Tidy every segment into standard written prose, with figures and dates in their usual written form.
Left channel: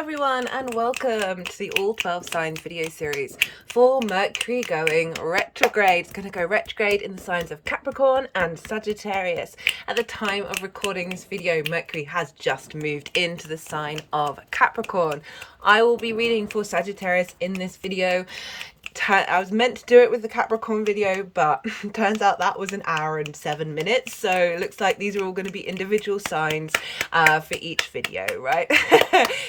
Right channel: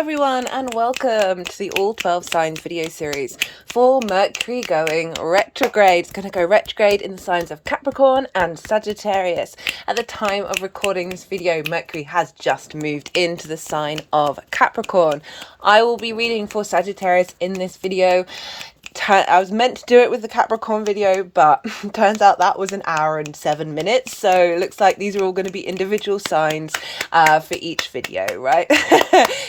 everyone, and welcome to the All 12 Signs video series for Mercury going retrograde. It's going to go retrograde in the signs of Capricorn and Sagittarius. At the time of recording this video, Mercury has just moved into the sign of Capricorn. I will be reading for Sagittarius in this video. I was meant to do it with the Capricorn video, but turns out that was an hour and 7 minutes. So it looks like these are all going to be individual signs for each video, right?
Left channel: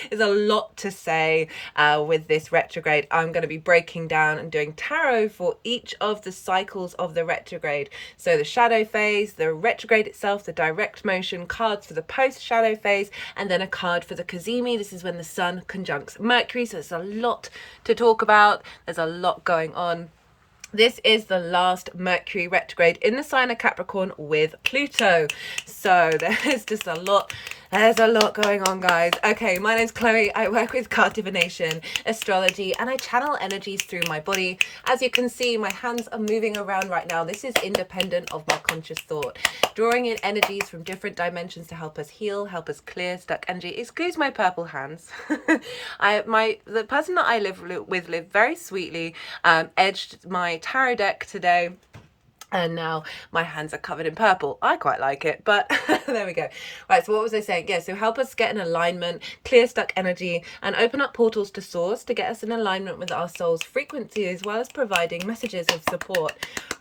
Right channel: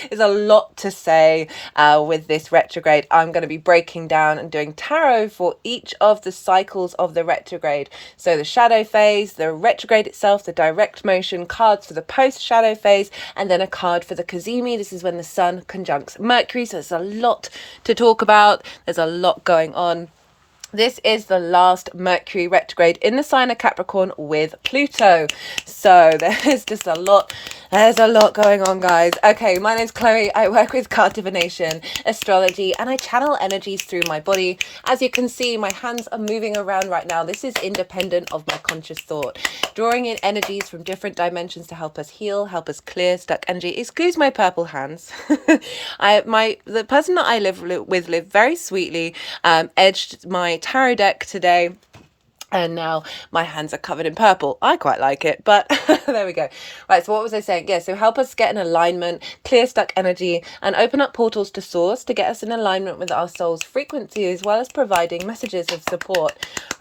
There's a lot to say with this retrograde. I'm going to be breaking down and doing tarot for each of the cycles of the retrograde. So the shadow phase, the retrograde itself, the direct motion, cards for the post-shadow phase, and then a card for the cazimi. This is when the sun conjuncts Mercury. So there's a lot to talk about. There's a lot going on. This is the last Mercury retrograde in the sign of Capricorn with Pluto. So there's just a lot. There's a lot going on, guys. Okay, my name's Chloe. I work with card divination, astrology, and I channel energies through my body. As you can see, my hands are moving around right now. This is independent of my conscious thought. Drawing in energies from different dimensions to help us heal, help us clear stuck energy. Excuse my purple hands. The person that I live with lived very sweetly, edged my tarot deck today, and now my hands are covered in purple. I quite like it, but there we go. Right, so what was I saying? Yeah, so help us get in alignment, clear stuck energy, and open up portals to source to get us in alignment with our soul's frequency, as well as providing messages of support,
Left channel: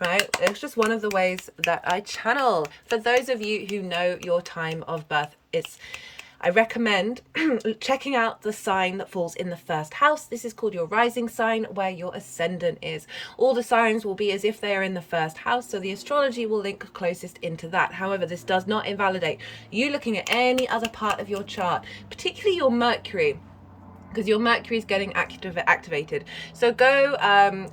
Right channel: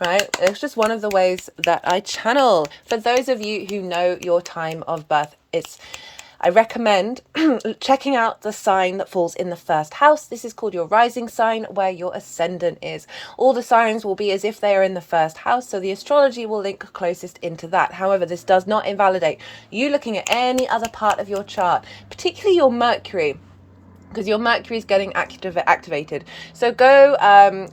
right? It's just one of the ways that I channel. For those of you who know your time of birth, I recommend checking out the sign that falls in the first house. This is called your rising sign, where your ascendant is. All the signs will be as if they are in the first house, so the astrology will link closest into that. However, this does not invalidate you looking at any other part of your chart, particularly your Mercury, because your Mercury is getting activated. So go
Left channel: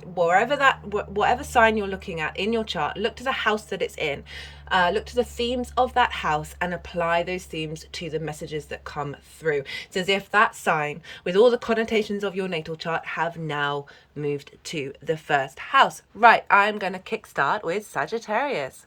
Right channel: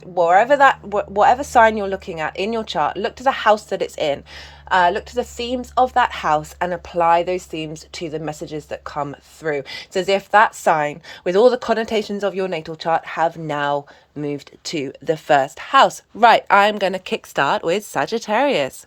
whatever sign you're looking at in your chart, look to the house that it's in. Look to the themes of that house and apply those themes to the messages that come through. It's as if that sign, with all the connotations of your natal chart, have now moved to the first house. Right, I'm going to kickstart with Sagittarius.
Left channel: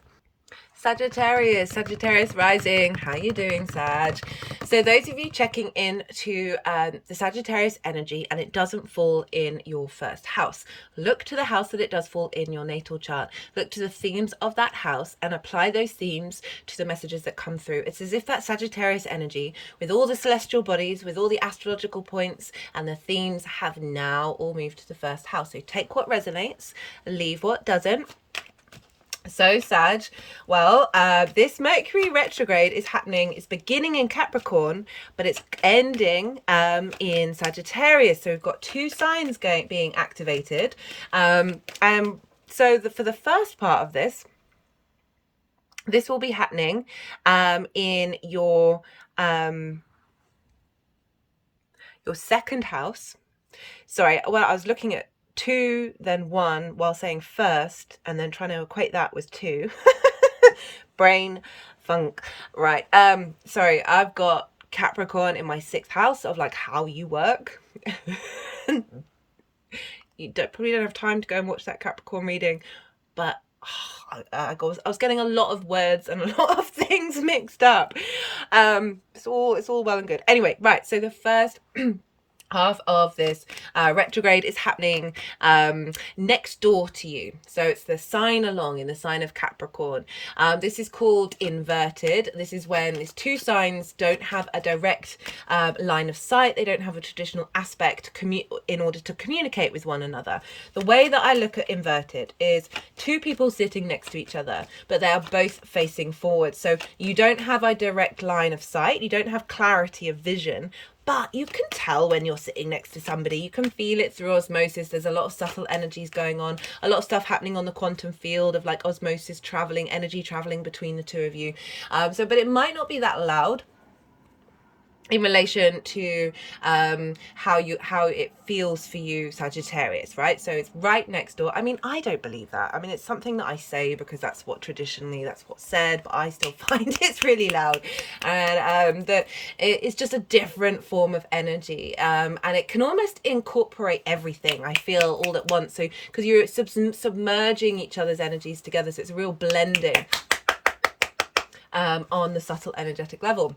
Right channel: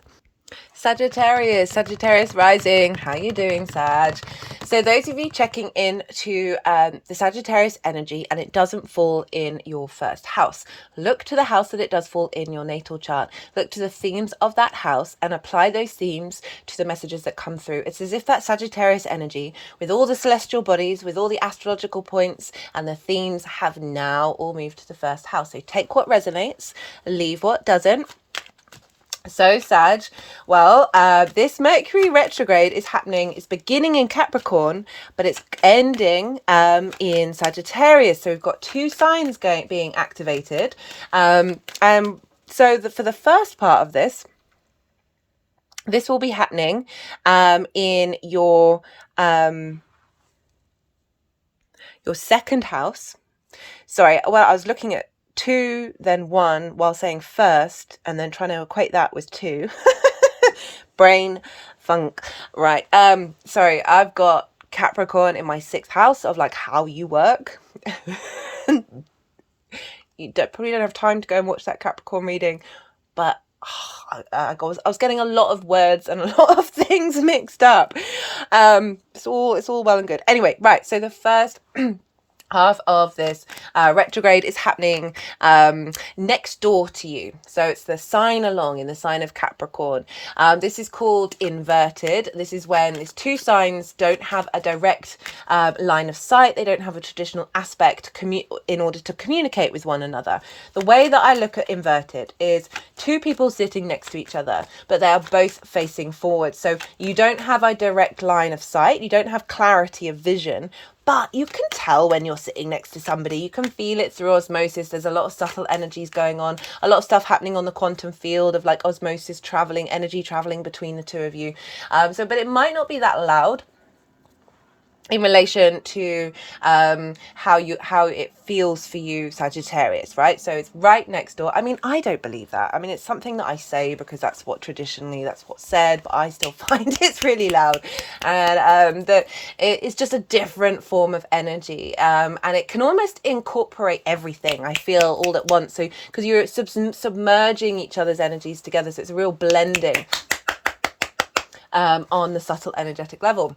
Sagittarius rising. How you doing, Sag? So those of you checking in to the Sagittarius energy and it doesn't fall in your first house, look to the house that it does fall in your natal chart. Look to the themes of that house and apply those themes to the messages that come through. It's as if that Sagittarius energy, with all the celestial bodies, with all the astrological points and the themes, have now all moved to the first house. So take what resonates, leave what doesn't. So Sag, well, this Mercury retrograde is happening. It's beginning in Capricorn, but it's ending in Sagittarius. So we've got two signs being activated. So for the first part of this will be happening in your second house. Sorry, well, I was looking at 2 then 1 while saying first and then trying to equate that with 2. Brain funk. Right, sorry, I've got Capricorn in my 6th house of like how you work. You probably don't have time to go and watch that Capricorn reading, but I was getting a lot of words and a lot of things mixed up. It's all well and good. Anyway, right, so the first half of this retrograde is happening next door to you. So it's the sign along in the sign of Capricorn. This is called inverted. This is when these two signs don't have a direct line of sight. They don't have a traditional aspect in order to communicate with one another. The way that I look at inverted is two people sitting next to each other, but they are both facing forward. So you don't have a direct line of sight. You don't have clarity of vision, but you can tell when you're sitting next to somebody. You can feel it through osmosis. There's a lot of subtle energies going on, a lot of stuff happening on the quantum field of like osmosis traveling, energy traveling between the two of you. But it might not be that loud in relation to how it feels for you, Sagittarius, right? So it's right next door. I mean, I don't believe that. I mean, it's something that I say because that's what's said, but I still find it's really loud, and that it's just a different form of energy, and it can almost incorporate everything, I feel, all at once. So because you're submerging each other's energies together, so it's a real blending. on the subtle energetic level.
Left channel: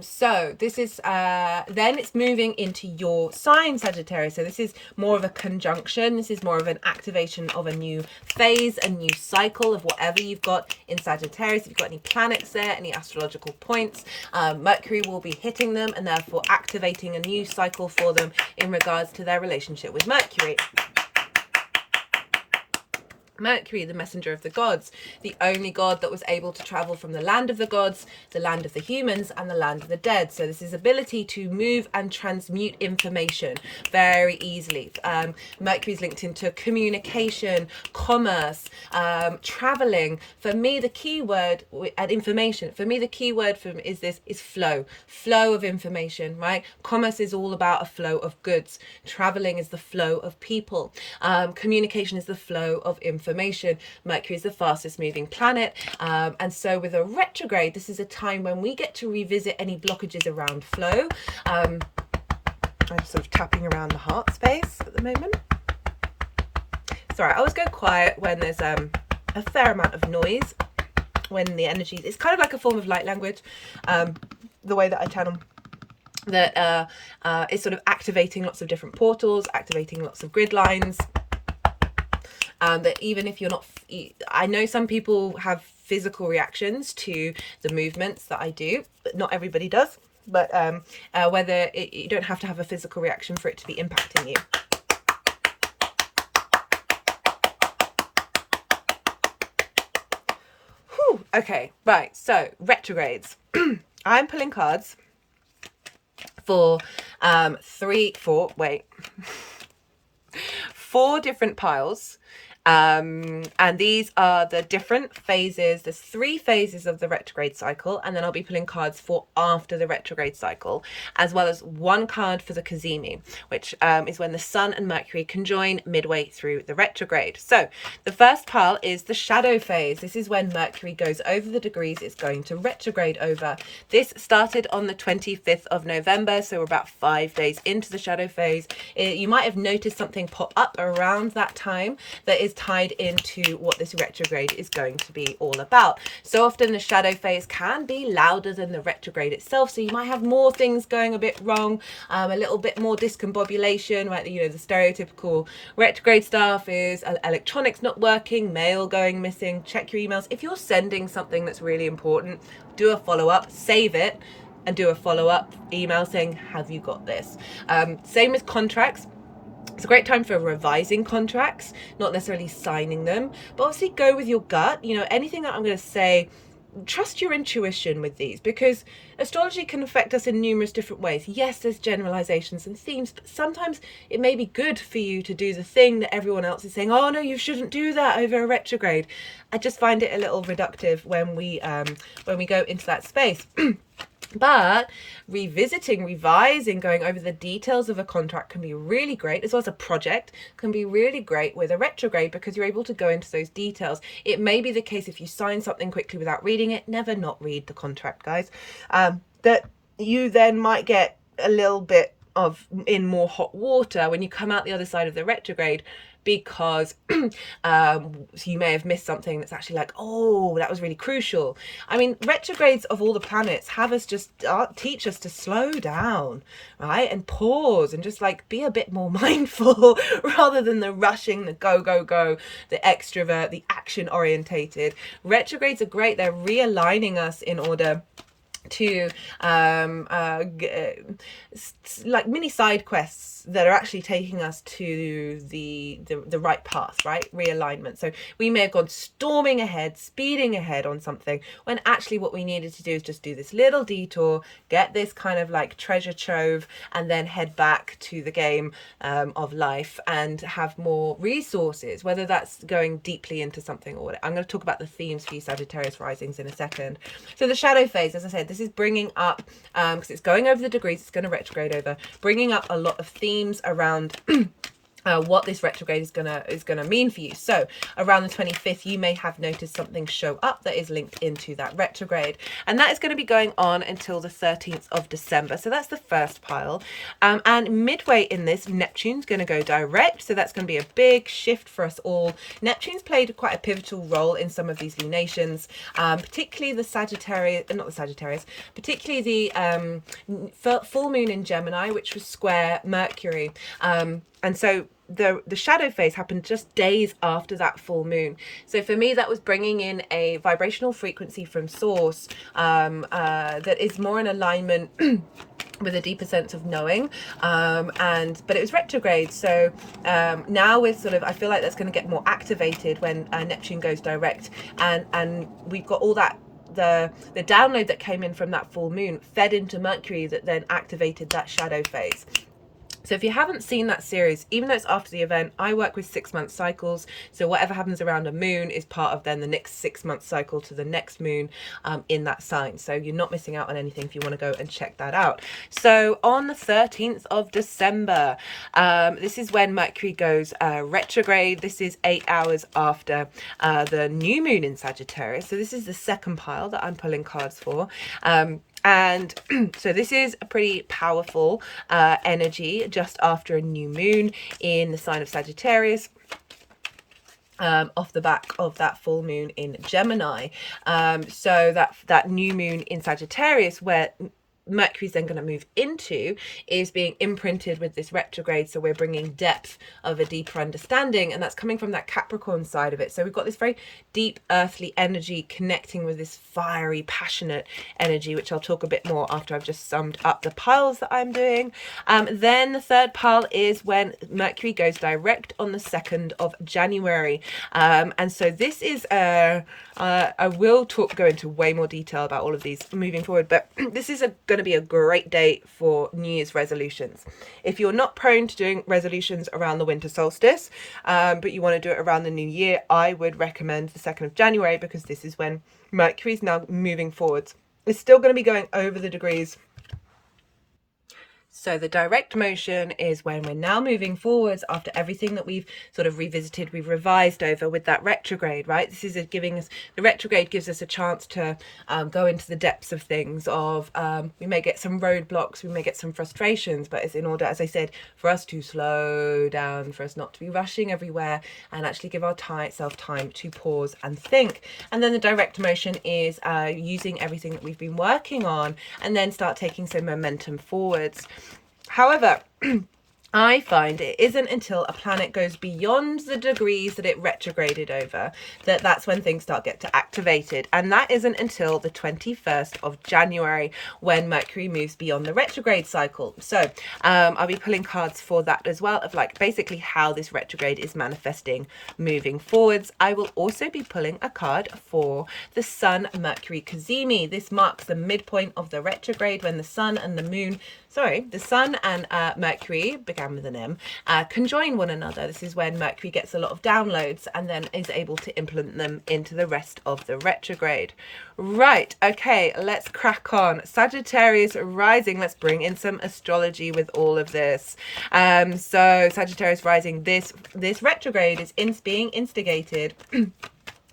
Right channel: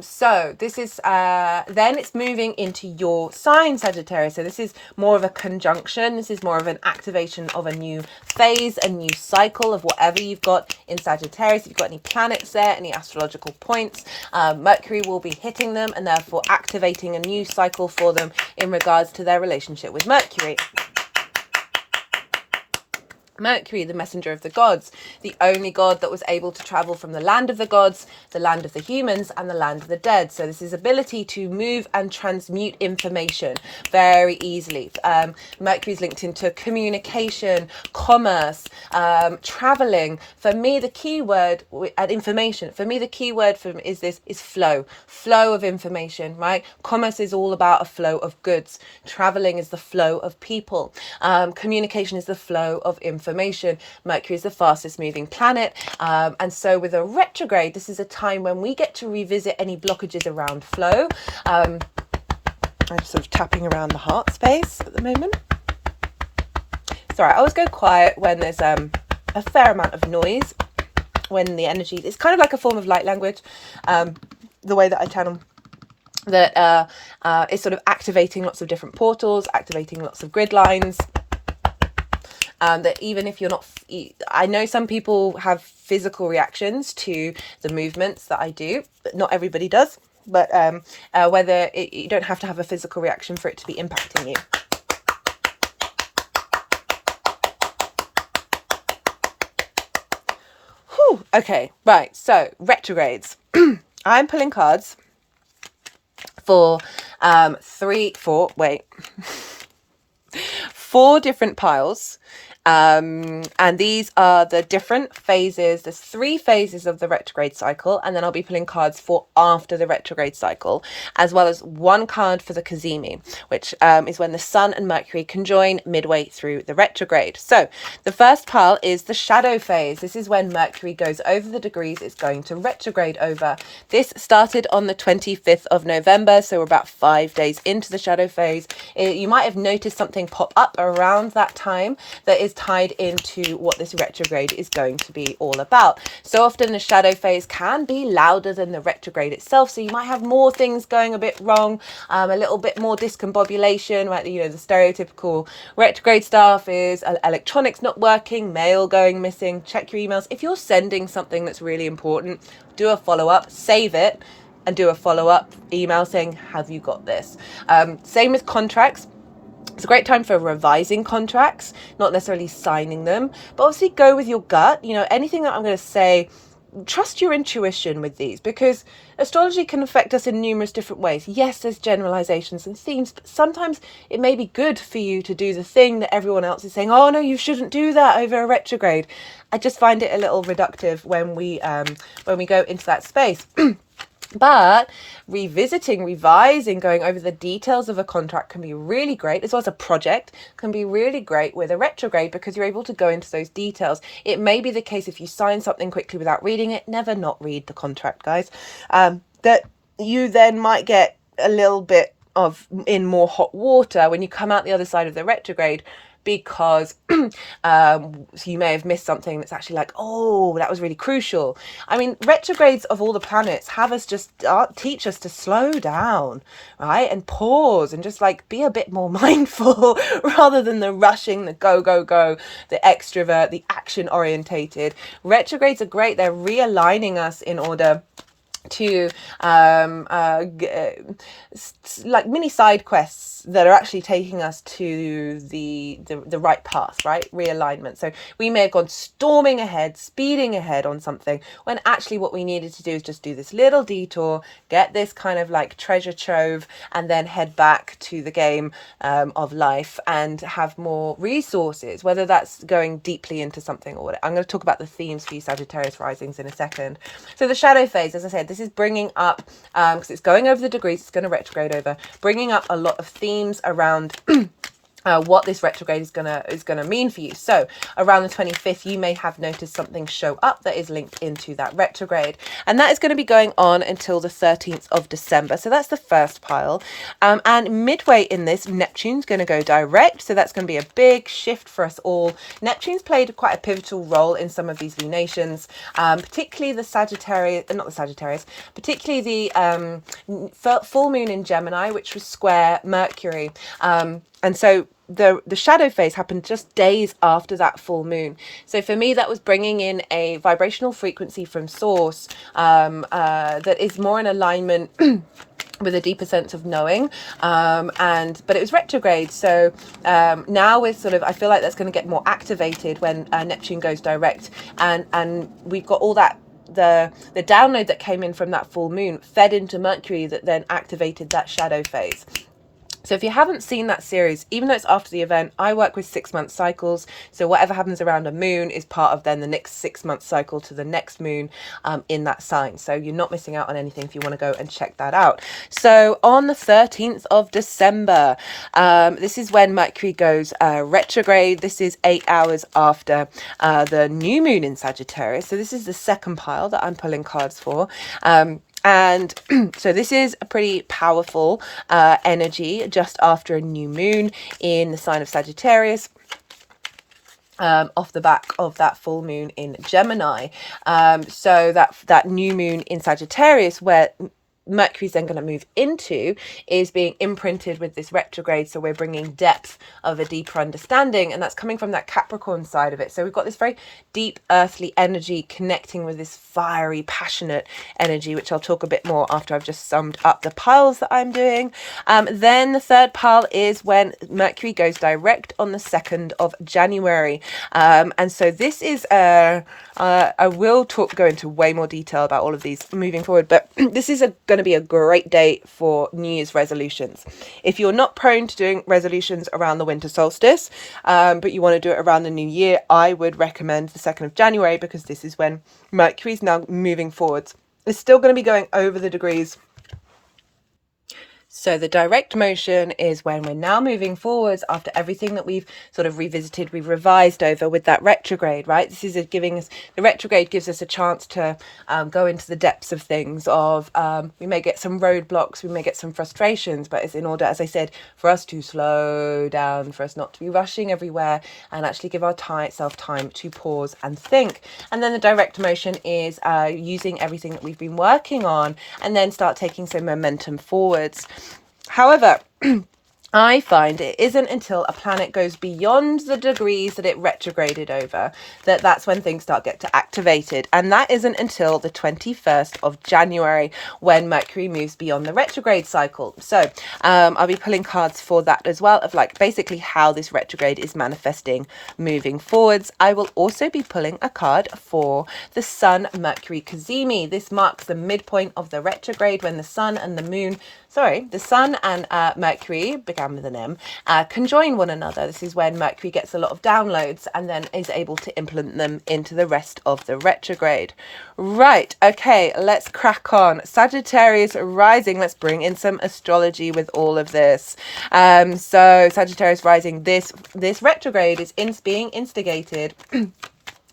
So this is then it's moving into your sign, Sagittarius. So this is more of a conjunction. This is more of an activation of a new phase, a new cycle of whatever you've got in Sagittarius. If you've got any planets there, any astrological points, Mercury will be hitting them and therefore activating a new cycle for them in regards to their relationship with Mercury. Mercury, the messenger of the gods, the only god that was able to travel from the land of the gods, the land of the humans, and the land of the dead. So this is ability to move and transmute information very easily. Mercury's linked into communication, commerce, traveling. For me, the key word at information, for me, the key word is flow of information, right? Commerce is all about a flow of goods. Traveling is the flow of people. Communication is the flow of information. Mercury is the fastest moving planet. And so with a retrograde, this is a time when we get to revisit any blockages around flow. I'm sort of tapping around the heart space at the moment. Sorry, I always go quiet when there's a fair amount of noise, when the energy, it's kind of like a form of light language, the way that I channel that is sort of activating lots of different portals, activating lots of grid lines. That even if you're not, I know some people have physical reactions to the movements that I do, but not everybody does. But you don't have to have a physical reaction for it to be impacting you. Whew, okay, right, so retrogrades. I'm pulling cards for four different piles. And these are the different phases. There's 3 phases of the retrograde cycle, and then I'll be pulling cards for after the retrograde cycle, as well as 1 card for the cazimi, which is when the Sun and Mercury conjoin midway through the retrograde. So the first pile is the shadow phase. This is when Mercury goes over the degrees it's going to retrograde over. This started on the 25th of November, so we're about 5 days into the shadow phase. You might have noticed something pop up around that time that is tied into what this retrograde is going to be all about. So often the shadow phase can be louder than the retrograde itself, so you might have more things going a bit wrong, a little bit more discombobulation, right? You know, the stereotypical retrograde stuff is electronics not working, mail going missing. Check your emails. If you're sending something that's really important, do a follow-up, save it, and do a follow-up email saying, have you got this? Same with contracts. It's a great time for revising contracts, not necessarily signing them, but obviously go with your gut. You know, anything that I'm going to say, trust your intuition with these, because astrology can affect us in numerous different ways. Yes, there's generalizations and themes, but sometimes it may be good for you to do the thing that everyone else is saying, oh no, you shouldn't do that over a retrograde. I just find it a little reductive when we go into that space. But revisiting, revising, going over the details of a contract can be really great, as well as a project can be really great with a retrograde, because you're able to go into those details. It may be the case if you sign something quickly without reading it, never not read the contract, guys, that you then might get a little bit in more hot water when you come out the other side of the retrograde, because so you may have missed something that's actually like, oh, that was really crucial. I mean, retrogrades of all the planets have us just teach us to slow down, right, and pause and just like be a bit more mindful rather than the rushing, the go, the extrovert, the action orientated. Retrogrades are great. They're realigning us in order to like mini side quests that are actually taking us to the right path, right? Realignment. So we may have gone storming ahead, speeding ahead on something, when actually what we needed to do is just do this little detour, get this kind of like treasure trove, and then head back to the game of life and have more resources, whether that's going deeply into something or whatever. I'm going to talk about the themes for you Sagittarius risings in a second. So the shadow phase, as I said, this is bringing up, because it's going over the degrees, it's going to retrograde over, bringing up a lot of themes around what this retrograde is gonna mean for you. So around the 25th, you may have noticed something show up that is linked into that retrograde, and that is going to be going on until the 13th of December. So that's the first pile, and midway in this, Neptune's going to go direct, so that's going to be a big shift for us all. Neptune's played quite a pivotal role in some of these lunations, particularly the Sagittarius, not the Sagittarius, particularly the full moon in Gemini, which was square Mercury. And so the shadow phase happened just days after that full moon. So for me, that was bringing in a vibrational frequency from source that is more in alignment with a deeper sense of knowing, but it was retrograde. So now we're sort of, I feel like that's going to get more activated when Neptune goes direct, and we've got all that the download that came in from that full moon fed into Mercury that then activated that shadow phase. So if you haven't seen that series, even though it's after the event, I work with 6-month cycles. So whatever happens around a moon is part of then the next 6-month cycle to the next moon in that sign. So you're not missing out on anything if you want to go and check that out. So on the 13th of December, this is when Mercury goes retrograde. This is 8 hours after the new moon in Sagittarius. So this is the second pile that I'm pulling cards for. And so this is a pretty powerful energy just after a new moon in the sign of Sagittarius, off the back of that full moon in Gemini. So that new moon in Sagittarius, where Mercury's then going to move into, is being imprinted with this retrograde. So we're bringing depth of a deeper understanding, and that's coming from that Capricorn side of it. So we've got this very deep earthly energy connecting with this fiery, passionate energy, which I'll talk a bit more after I've just summed up the piles that I'm doing. Then the third pile is when Mercury goes direct on the 2nd of January. And so this is I will go into way more detail about all of these moving forward, but this is going to be a great day for New Year's resolutions. If you're not prone to doing resolutions around the winter solstice, but you want to do it around the new year, I would recommend the 2nd of January, because this is when Mercury's now moving forwards. It's still going to be going over the degrees. So the direct motion is when we're now moving forwards after everything that we've sort of revisited, we've revised over with that retrograde, right? This is giving us, the retrograde gives us a chance to go into the depths of things of, we may get some roadblocks, we may get some frustrations, but it's in order, as I said, for us to slow down, for us not to be rushing everywhere, and actually give ourself time to pause and think. And then the direct motion is using everything that we've been working on and then start taking some momentum forwards. However, I find it isn't until a planet goes beyond the degrees that it retrograded over that's when things get activated. And that isn't until the 21st of January when Mercury moves beyond the retrograde cycle. So I'll be pulling cards for that as well, of like basically how this retrograde is manifesting moving forwards. I will also be pulling a card for the Sun Mercury Cazimi. This marks the midpoint of the retrograde when the Sun and Mercury, began with an M, conjoin one another. This is when Mercury gets a lot of downloads and then is able to implement them into the rest of the retrograde. Right, okay, let's crack on. Sagittarius rising, let's bring in some astrology with all of this. So Sagittarius rising, this retrograde is being instigated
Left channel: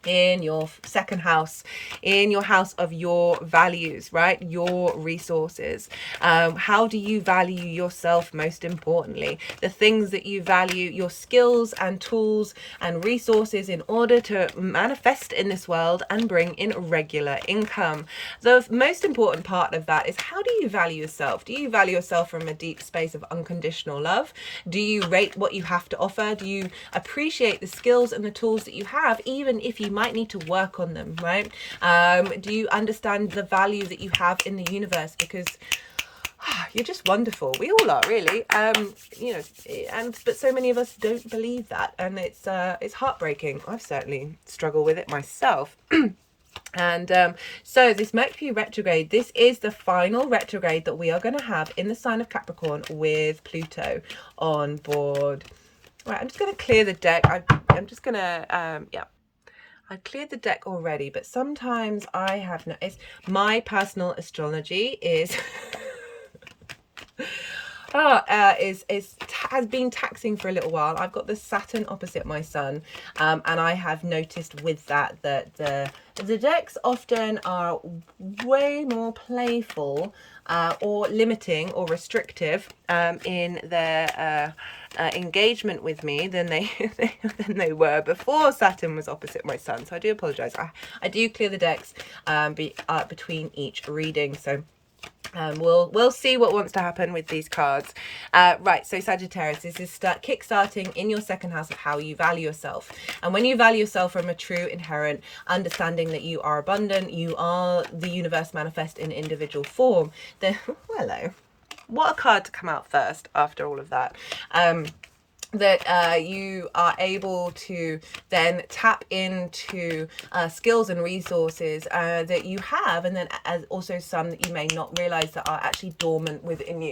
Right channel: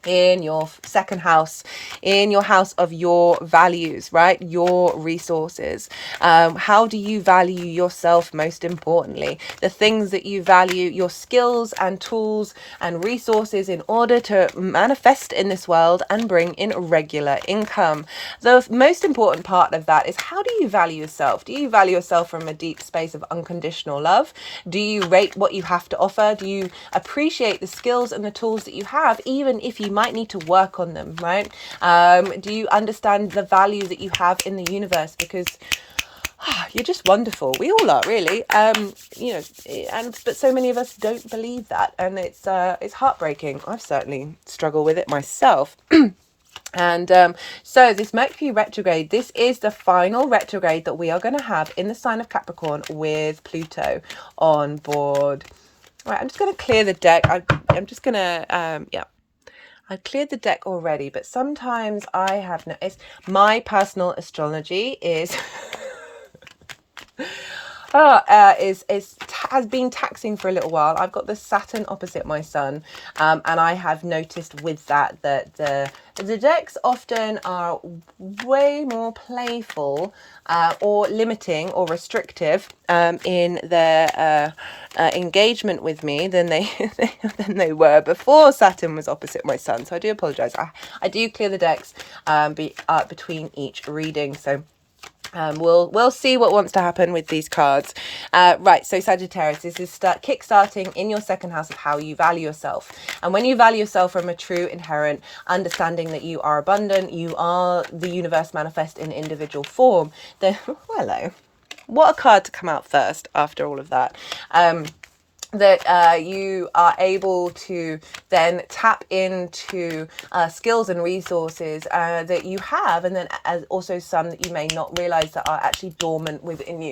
in your second house, in your house of your values, right? Your resources. How do you value yourself most importantly? The things that you value, your skills and tools and resources in order to manifest in this world and bring in regular income. The most important part of that is, how do you value yourself? Do you value yourself from a deep space of unconditional love? Do you rate what you have to offer? Do you appreciate the skills and the tools that you have, even if you might need to work on them, right? Do you understand the value that you have in the universe? Because you're just wonderful. We all are, really. But so many of us don't believe that, and it's heartbreaking. I've certainly struggled with it myself. And so this Mercury retrograde, this is the final retrograde that we are going to have in the sign of Capricorn with Pluto on board. Right, I'm just going to clear the deck. I'm just going to, I've cleared the deck already, but sometimes I have noticed my personal astrology is has been taxing for a little while. I've got the Saturn opposite my sun, and I have noticed with that the decks often are way more playful or limiting or restrictive in their engagement with me than they were before Saturn was opposite my sun. So I do apologize. I do clear the decks between each reading. So we'll see what wants to happen with these cards. Right, so Sagittarius, this is kickstarting in your second house of how you value yourself. And when you value yourself from a true inherent understanding that you are abundant, you are the universe manifest in individual form, then hello, what a card to come out first after all of that. That you are able to then tap into skills and resources that you have, and then also some that you may not realize that are actually dormant within you.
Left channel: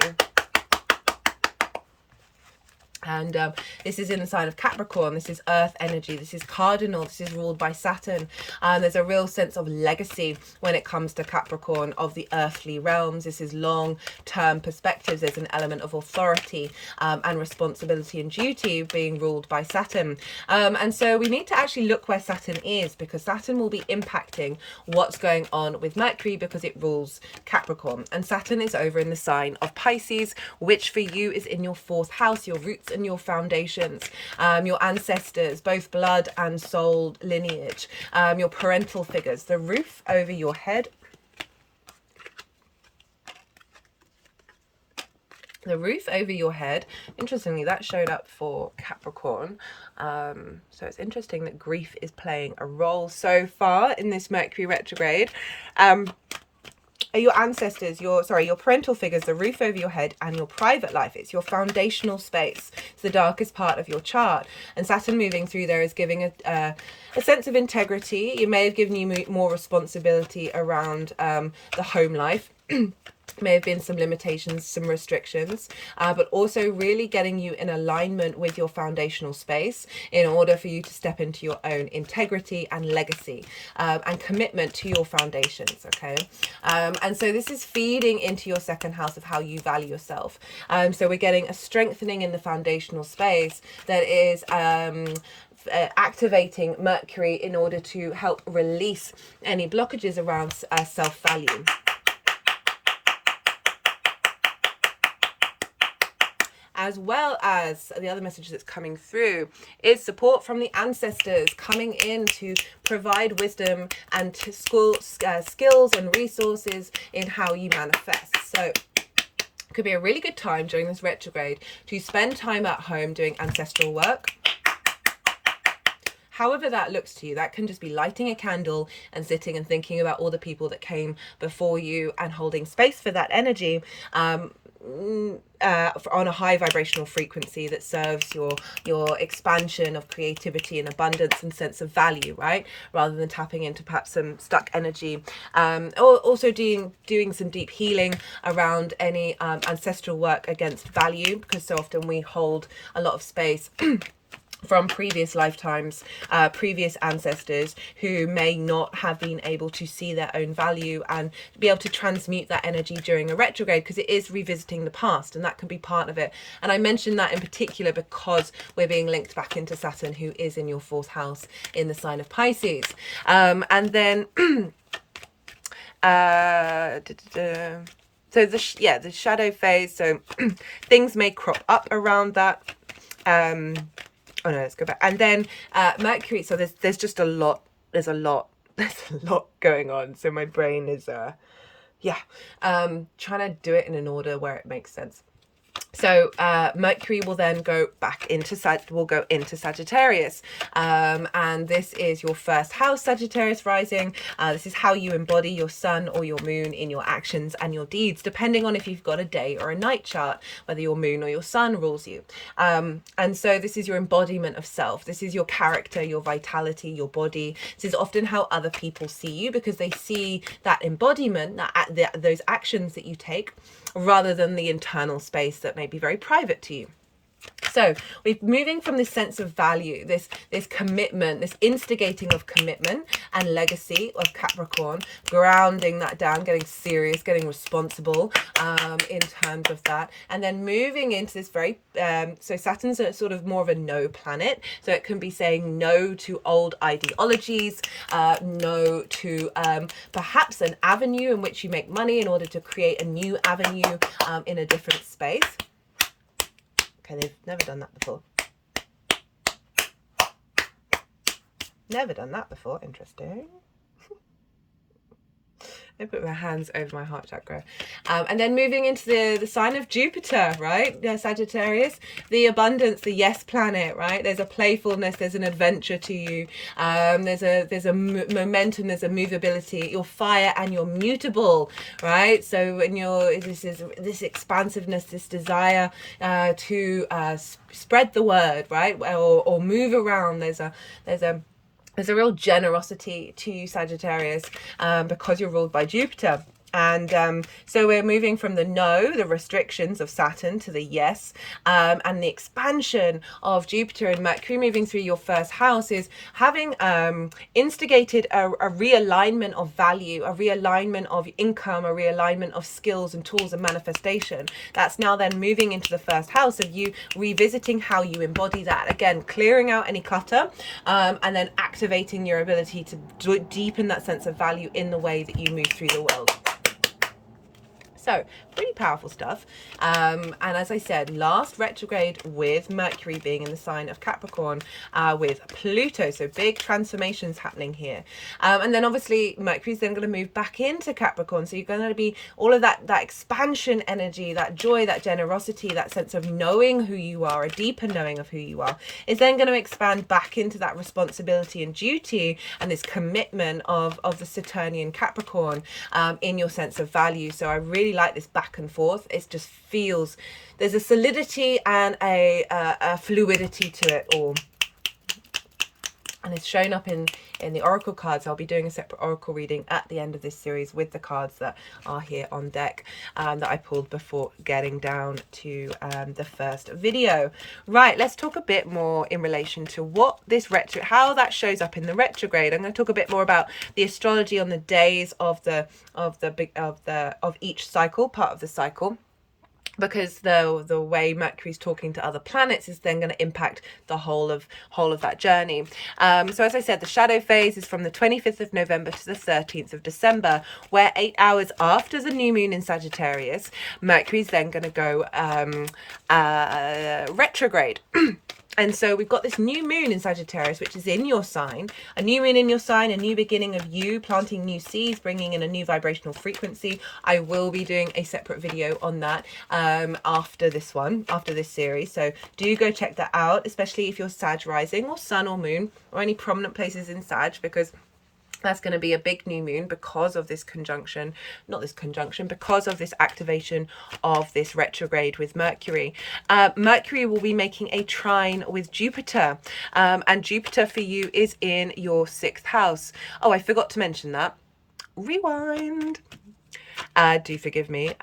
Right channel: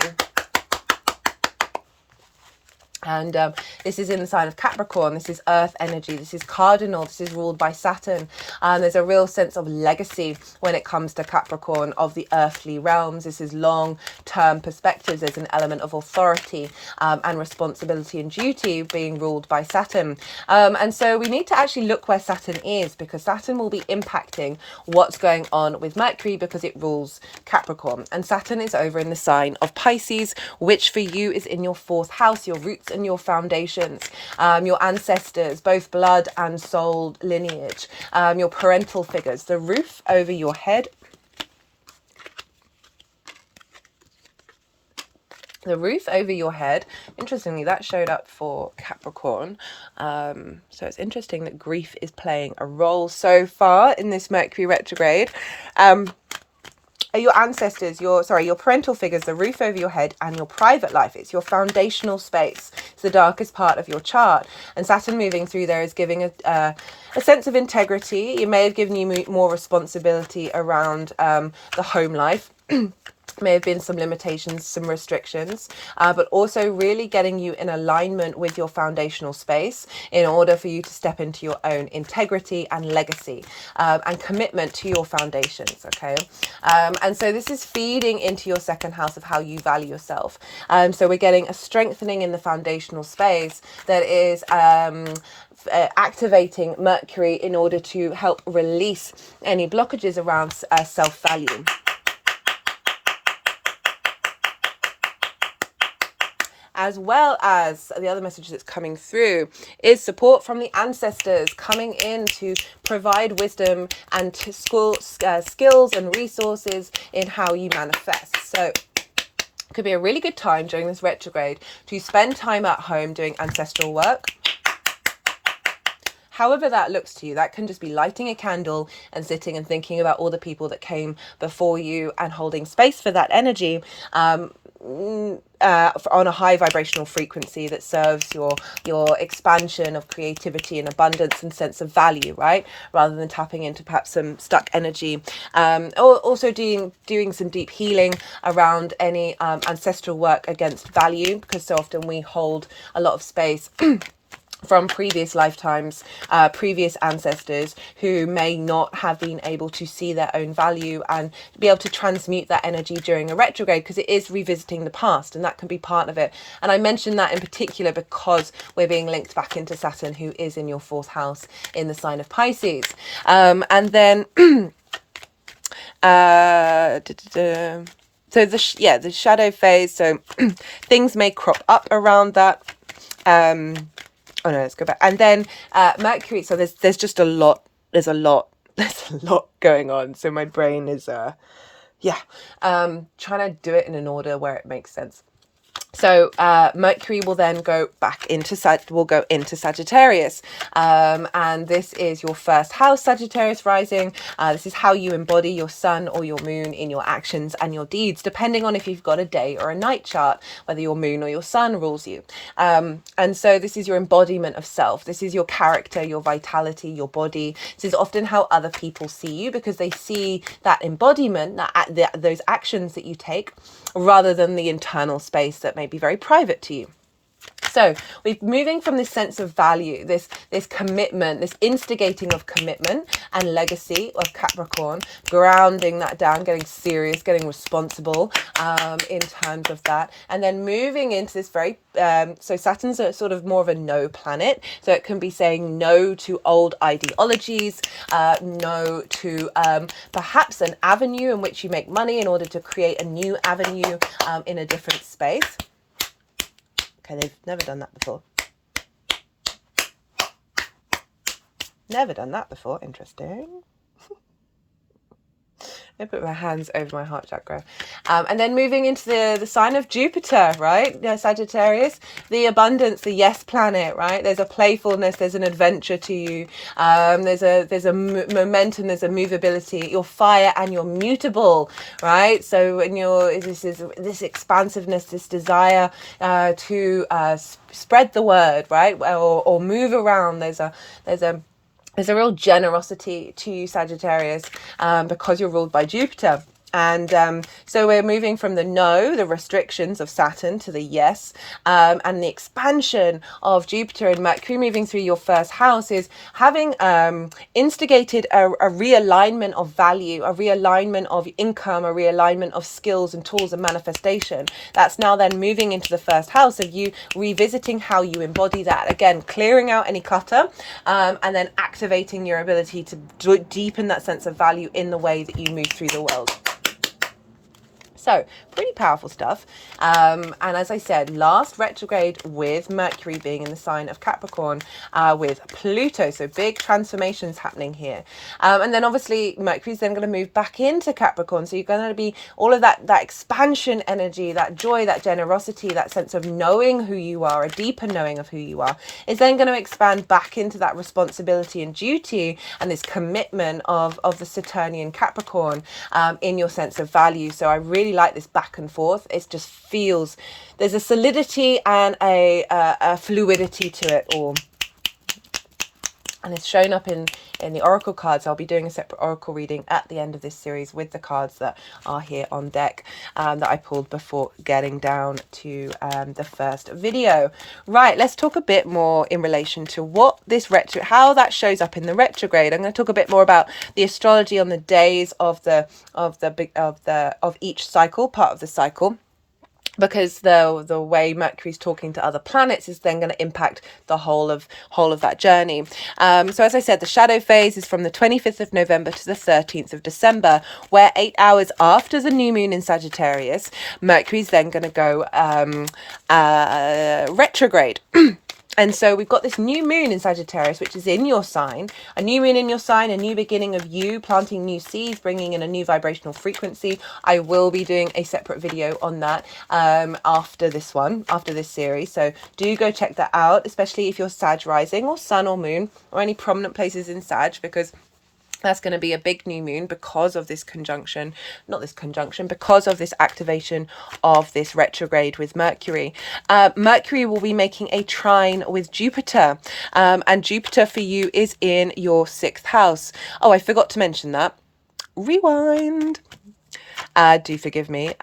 And this is in the sign of Capricorn. This is earth energy. This is cardinal. This is ruled by Saturn. There's a real sense of legacy when it comes to Capricorn, of the earthly realms. This is long-term perspectives. There's an element of authority and responsibility and duty being ruled by Saturn. And so we need to actually look where Saturn is, because Saturn will be impacting what's going on with Mercury, because it rules Capricorn. And Saturn is over in the sign of Pisces, which for you is in your fourth house, your roots and your foundations, your ancestors, both blood and soul lineage, your parental figures, the roof over your head. The roof over your head. Interestingly, that showed up for Capricorn. So it's interesting that grief is playing a role so far in this Mercury retrograde. Your ancestors, your parental figures, the roof over your head, and your private life. It's your foundational space. It's the darkest part of your chart. And Saturn moving through there is giving a sense of integrity. It may have given you more responsibility around the home life. May have been some limitations, some restrictions, but also really getting you in alignment with your foundational space in order for you to step into your own integrity and legacy and commitment to your foundations, okay? And so this is feeding into your second house of how you value yourself. So we're getting a strengthening in the foundational space that is activating Mercury in order to help release any blockages around self-value. As well as the other message that's coming through is support from the ancestors coming in to provide wisdom and to skills and resources in how you manifest. So it could be a really good time during this retrograde to spend time at home doing ancestral work. However that looks to you, that can just be lighting a candle and sitting and thinking about all the people that came before you and holding space for that energy on a high vibrational frequency that serves your expansion of creativity and abundance and sense of value, right? Rather than tapping into perhaps some stuck energy. Or also doing some deep healing around any ancestral work against value, because so often we hold a lot of space from previous lifetimes, previous ancestors who may not have been able to see their own value and be able to transmute that energy during a retrograde, because it is revisiting the past, and that can be part of it. And I mentioned that in particular because we're being linked back into Saturn, who is in your fourth house in the sign of Pisces. And then so the shadow phase, so things may crop up around that. Oh no, let's go back. And then Mercury, so there's just a lot, there's a lot going on. So my brain is trying to do it in an order where it makes sense. So Mercury will then go back into Sagittarius, and this is your first house, Sagittarius rising. This is how you embody your sun or your moon in your actions and your deeds, depending on if you've got a day or a night chart, whether your moon or your sun rules you. And so this is your embodiment of self. This is your character, your vitality, your body. This is often how other people see you, because they see that embodiment, those actions that you take, rather than the internal space that may be very private to you. So we're moving from this sense of value, this commitment, this instigating of commitment and legacy of Capricorn, grounding that down, getting serious, getting responsible in terms of that, and then moving into this very so Saturn's a sort of more of a no planet, so it can be saying no to old ideologies, no to perhaps an avenue in which you make money in order to create a new avenue in a different space. Okay, they've never done that before. Never done that before. Interesting. I put my hands over my heart chakra. And then moving into the sign of Jupiter, right? Sagittarius, the abundance, the yes planet, right? There's a playfulness, there's an adventure to you. There's a momentum, there's a movability. You're fire and you're mutable, right? So when this expansiveness, this desire to spread the word, right? Or move around. There's a real generosity to you, Sagittarius, because you're ruled by Jupiter. And so we're moving from the no, the restrictions of Saturn, to the yes, and the expansion of Jupiter and Mercury moving through your first house is having instigated a realignment of value, a realignment of income, a realignment of skills and tools and manifestation. That's now then moving into the first house of you revisiting how you embody that. Again, clearing out any clutter, and then activating your ability to deepen that sense of value in the way that you move through the world. So pretty powerful stuff. And as I said, last retrograde with Mercury being in the sign of Capricorn, with Pluto. So big transformations happening here. And then obviously Mercury's then going to move back into Capricorn. So you're going to be all of that expansion energy, that joy, that generosity, that sense of knowing who you are, a deeper knowing of who you are, is then going to expand back into that responsibility and duty and this commitment of the Saturnian Capricorn in your sense of value. So I really like this back and forth. It just feels there's a solidity and a fluidity to it all, and it's shown up in the oracle cards. I'll be doing a separate oracle reading at the end of this series with the cards that are here on deck, that I pulled before getting down to the first video. Right, let's talk a bit more in relation to what this how that shows up in the retrograde. I'm going to talk a bit more about the astrology on the days of each cycle, part of the cycle, because the way Mercury's talking to other planets is then going to impact the whole of that journey. So as I said, the shadow phase is from the 25th of November to the 13th of December, where 8 hours after the new moon in Sagittarius, Mercury's then going to go retrograde. And so we've got this new moon in Sagittarius, which is in your sign, a new moon in your sign, a new beginning of you, planting new seeds, bringing in a new vibrational frequency. I will be doing a separate video on that after this series. So do go check that out, especially if you're Sag rising or sun or moon or any prominent places in Sag, because that's going to be a big new moon because of this because of this activation of this retrograde with Mercury. Mercury will be making a trine with Jupiter, and Jupiter for you is in your 6th house. Oh, I forgot to mention that. Rewind. Do forgive me.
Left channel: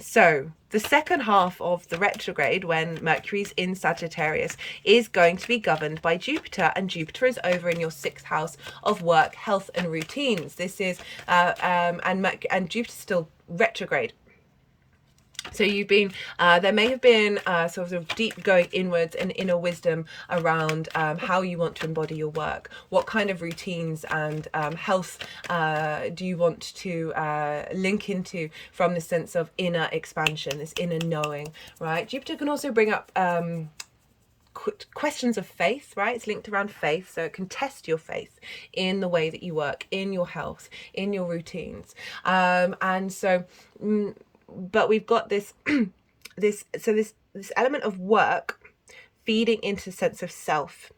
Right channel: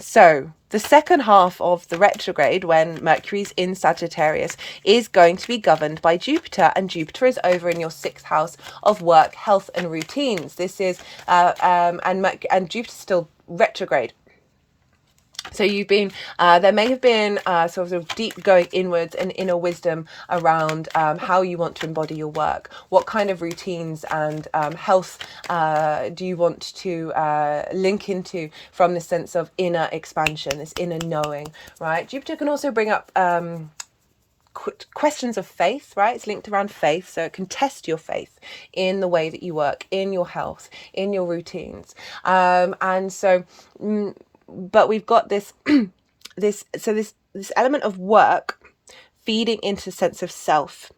So the second half of the retrograde, when Mercury's in Sagittarius, is going to be governed by Jupiter, and Jupiter is over in your 6th house of work, health and routines. This is and Jupiter's still retrograde. So you've been, there may have been sort of deep going inwards and inner wisdom around how you want to embody your work. What kind of routines and health do you want to link into from the sense of inner expansion, this inner knowing, right? Jupiter can also bring up questions of faith, right? It's linked around faith, so it can test your faith in the way that you work, in your health, in your routines. And so... but we've got this this element of work feeding into a sense of self,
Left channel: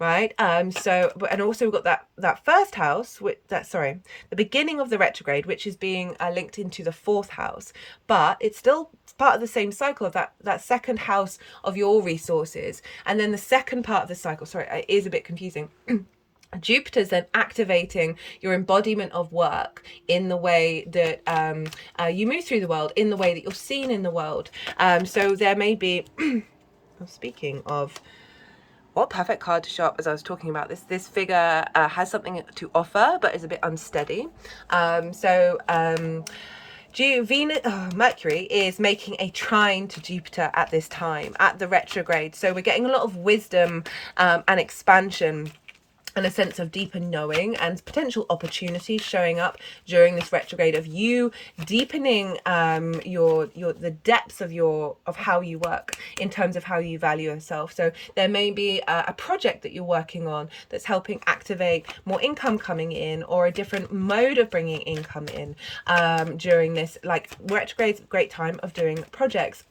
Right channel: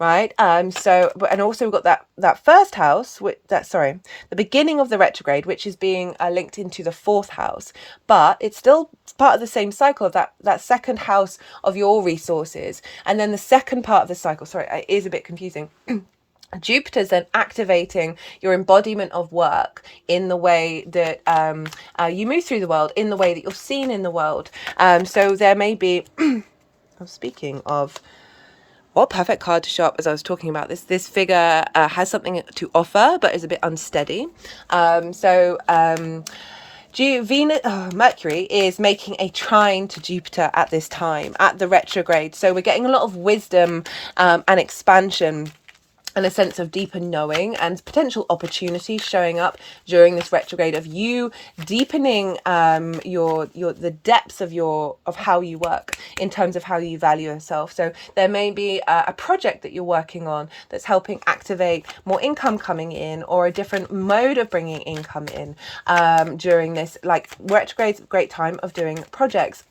right? So, and also we've got that first house, the beginning of the retrograde, which is being linked into the 4th house, but it's still part of the same cycle of that second house of your resources. And then the second part of the cycle, it is a bit confusing. Jupiter's then activating your embodiment of work in the way that you move through the world, in the way that you're seen in the world. So there may be speaking of, what perfect card to show up as I was talking about this. This figure has something to offer, but is a bit unsteady. Mercury is making a trine to Jupiter at this time, at the retrograde. So we're getting a lot of wisdom and expansion and a sense of deeper knowing and potential opportunities showing up during this retrograde, of you deepening the depths of how you work in terms of how you value yourself. So there may be a project that you're working on that's helping activate more income coming in, or a different mode of bringing income in during this. Like, retrograde's a great time of doing projects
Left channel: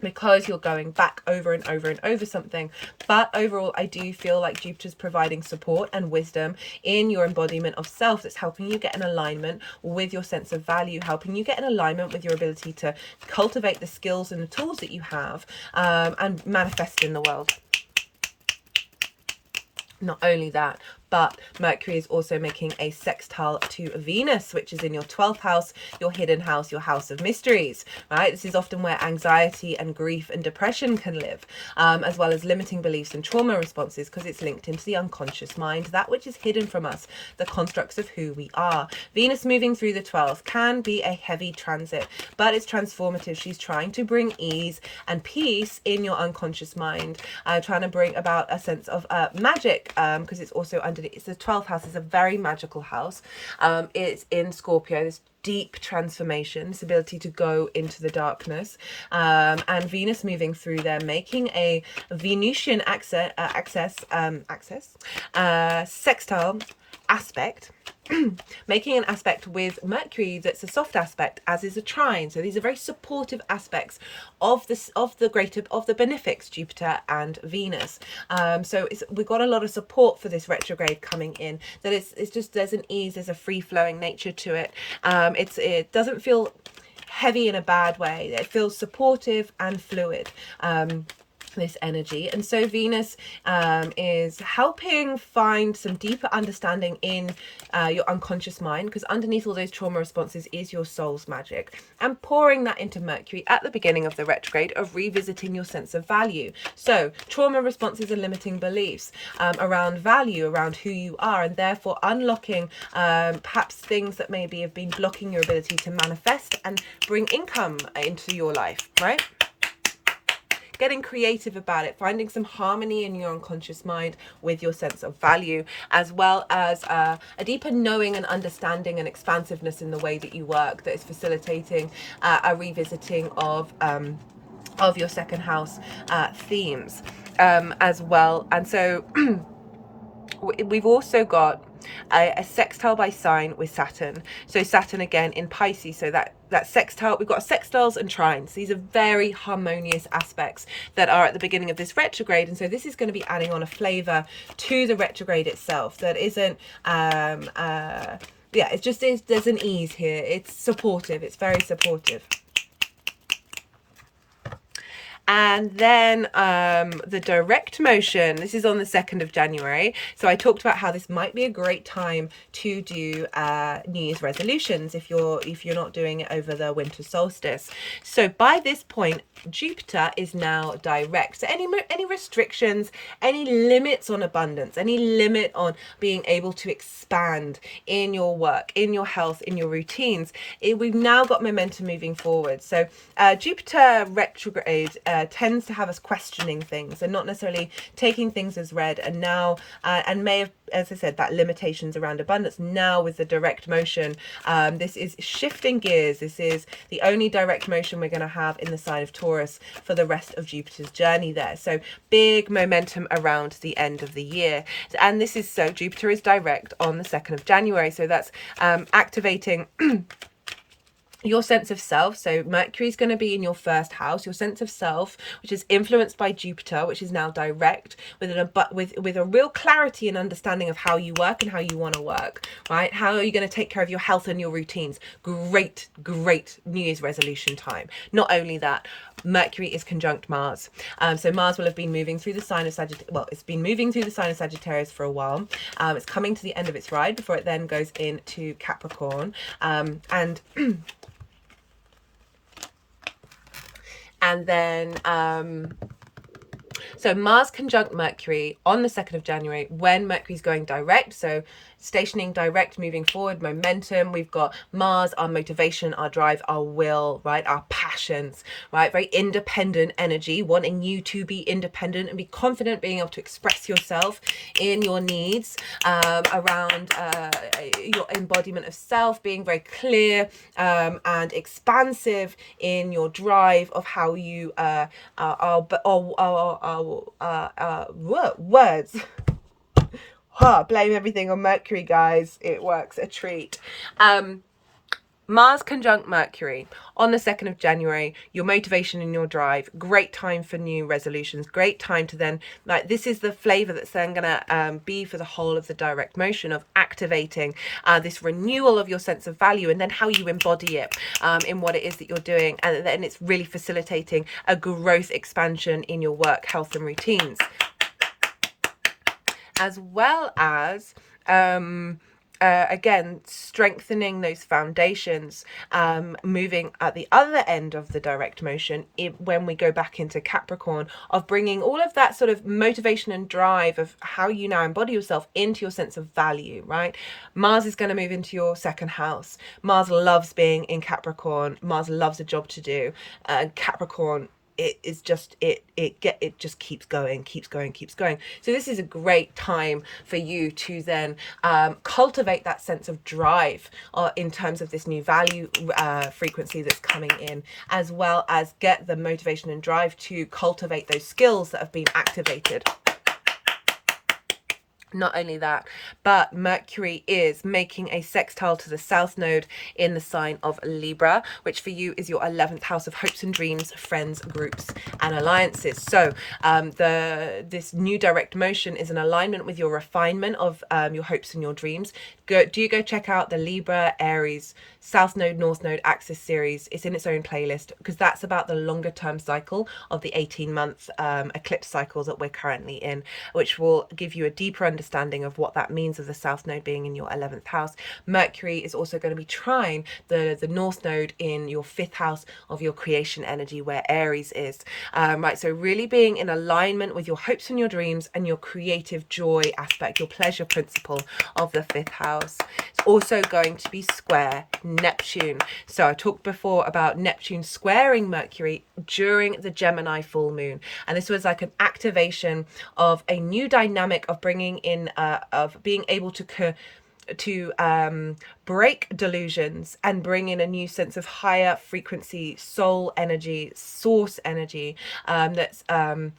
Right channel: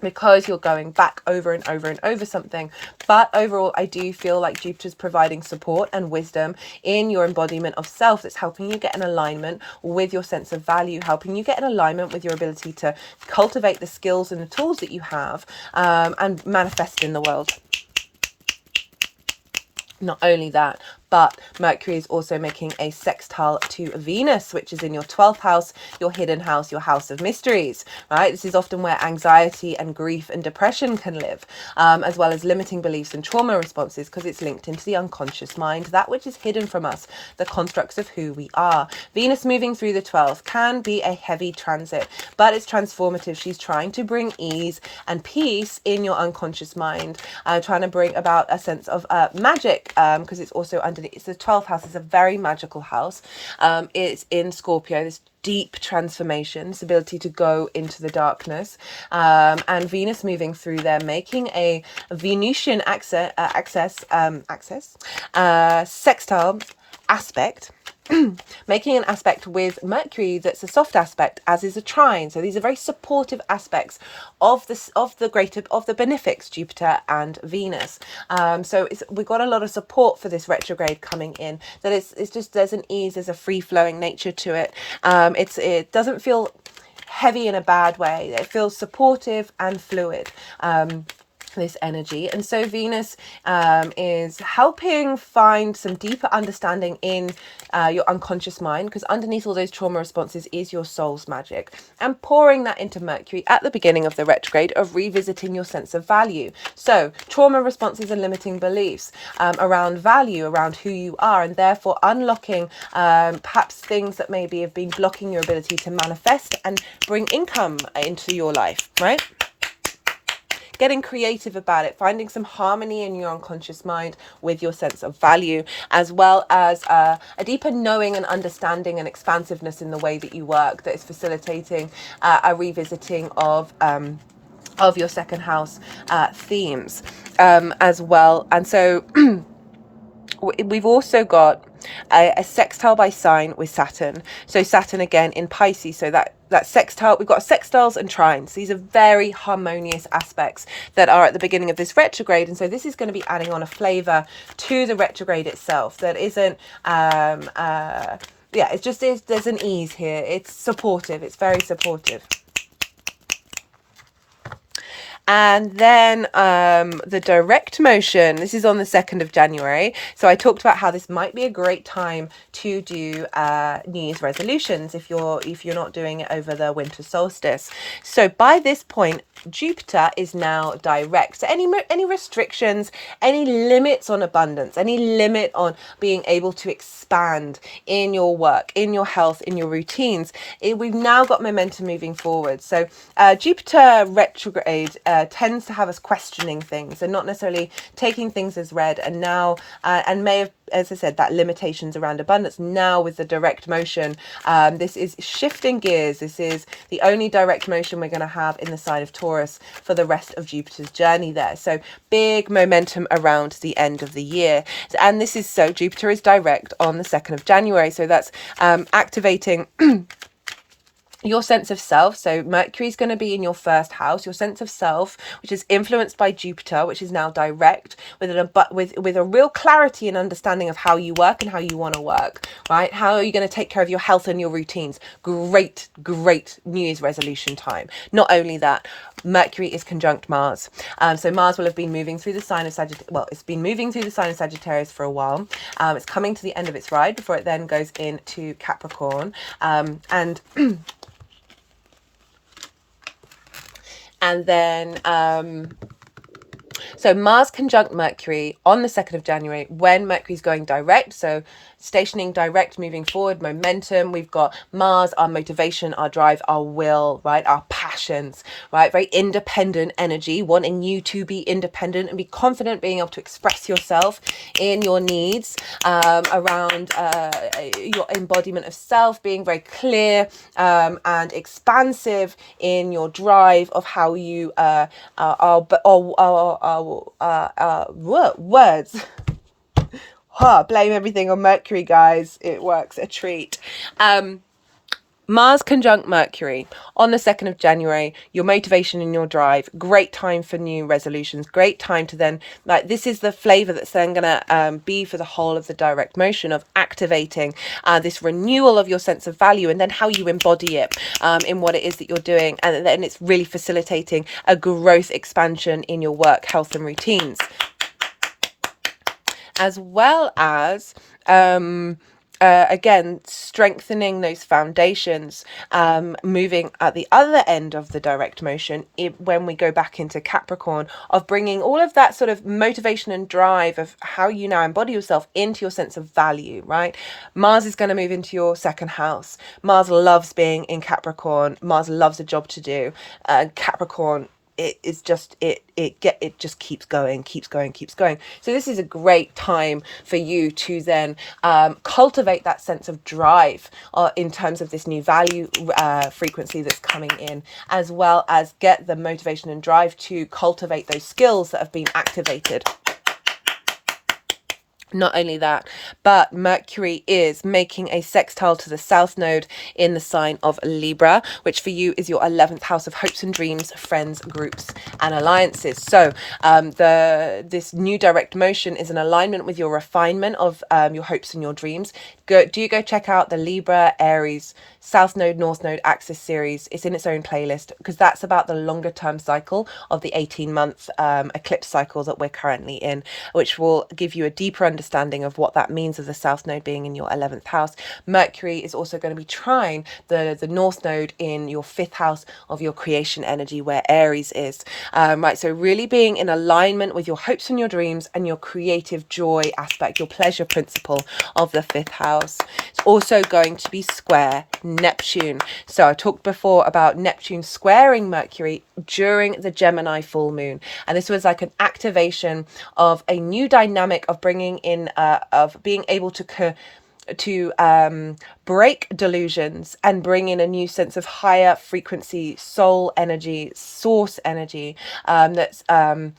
because you're going back over and over and over something. But overall, I do feel like Jupiter's providing support and wisdom in your embodiment of self that's helping you get an alignment with your sense of value, helping you get an alignment with your ability to cultivate the skills and the tools that you have and manifest in the world. Not only that, but Mercury is also making a sextile to Venus, which is in your 12th house, your hidden house, your house of mysteries, right? This is often where anxiety and grief and depression can live, as well as limiting beliefs and trauma responses, because it's linked into the unconscious mind, that which is hidden from us, the constructs of who we are. Venus moving through the 12th can be a heavy transit, but it's transformative. She's trying to bring ease and peace in your unconscious mind, trying to bring about a sense of magic, because it's also underneath. It's the 12th house. Is a very magical house. It's in Scorpio. This deep transformation, this ability to go into the darkness, and Venus moving through there, making a Venusian sextile aspect, making an aspect with Mercury that's a soft aspect, as is a trine. So these are very supportive aspects of this, of the benefics, Jupiter and Venus. So we've got a lot of support for this retrograde coming in, that it's just, there's an ease, there's a free flowing nature to it. It doesn't feel heavy in a bad way. It feels supportive and fluid. This energy. And so Venus is helping find some deeper understanding in your unconscious mind, because underneath all those trauma responses is your soul's magic, and pouring that into Mercury at the beginning of the retrograde, of revisiting your sense of value. So trauma responses and limiting beliefs around value, around who you are, and therefore unlocking perhaps things that maybe have been blocking your ability to manifest and bring income into your life, right? Getting creative about it, finding some harmony in your unconscious mind with your sense of value, as well as a deeper knowing and understanding and expansiveness in the way that you work, that is facilitating a revisiting of your second house themes as well. And so we've also got a sextile by sign with Saturn. So Saturn again in Pisces, so that sextile, we've got sextiles and trines. These are very harmonious aspects that are at the beginning of this retrograde, and so this is going to be adding on a flavor to the retrograde itself that isn't it's just, there's an ease here. It's supportive, it's very supportive. And then the direct motion, this is on the 2nd of January. So I talked about how this might be a great time to do New Year's resolutions if you're not doing it over the winter solstice. So by this point, Jupiter is now direct. So any restrictions, any limits on abundance, any limit on being able to expand in your work, in your health, in your routines, we've now got momentum moving forward. So Jupiter retrograde tends to have us questioning things and not necessarily taking things as read, and now and may have, as I said, that limitations around abundance. Now with the direct motion, this is shifting gears. This is the only direct motion we're going to have in the sign of Taurus for the rest of Jupiter's journey there. So big momentum around the end of the year. And this is, so Jupiter is direct on the 2nd of January. So that's activating your sense of self. So Mercury is going to be in your 1st house, your sense of self, which is influenced by Jupiter, which is now direct, with a real clarity and understanding of how you work and how you want to work, right? How are you going to take care of your health and your routines? Great New Year's resolution time. Not only that, Mercury is conjunct Mars. So Mars will have been moving through the sign of Sagittarius. Well, it's been moving through the sign of Sagittarius for a while. It's coming to the end of its ride before it then goes into Capricorn. And then So Mars conjunct Mercury on the 2nd of January when Mercury's going direct. So stationing direct, moving forward, momentum. We've got Mars, our motivation, our drive, our will, right? Our passions, right? Very independent energy, wanting you to be independent and be confident, being able to express yourself in your needs, around your embodiment of self, being very clear and expansive in your drive of how you words. Blame everything on Mercury, guys. It works a treat. Mars conjunct Mercury on the 2nd of January, your motivation and your drive, great time for new resolutions, great time to then, like, this is the flavor that's then going to be for the whole of the direct motion of activating this renewal of your sense of value and then how you embody it in what it is that you're doing. And then it's really facilitating a growth expansion in your work, health and routines, as well as again, strengthening those foundations, moving at the other end of the direct motion when we go back into Capricorn, of bringing all of that sort of motivation and drive of how you now embody yourself into your sense of value, right? Mars is going to move into your 2nd house. Mars loves being in Capricorn. Mars loves a job to do. Capricorn, it is just it just keeps going. So this is a great time for you to then cultivate that sense of drive in terms of this new value frequency that's coming in, as well as get the motivation and drive to cultivate those skills that have been activated. Not only that, but Mercury is making a sextile to the South Node in the sign of Libra, which for you is your 11th house of hopes and dreams, friends, groups, and alliances. So this new direct motion is an alignment with your refinement of your hopes and your dreams. Go check out the Libra, Aries, South Node, North Node axis series. It's in its own playlist because that's about the longer term cycle of the 18-month eclipse cycle that we're currently in, which will give you a deeper understanding of what that means of the South Node being in your 11th house. Mercury is also going to be trine the North Node in your 5th house of your creation energy, where Aries is. Right, so really being in alignment with your hopes and your dreams and your creative joy aspect, your pleasure principle of the 5th house. It's also going to be square Neptune. So I talked before about Neptune squaring Mercury during the Gemini full moon, and this was like an activation of a new dynamic of bringing in of being able to break delusions and bring in a new sense of higher frequency soul energy, source energy, that's a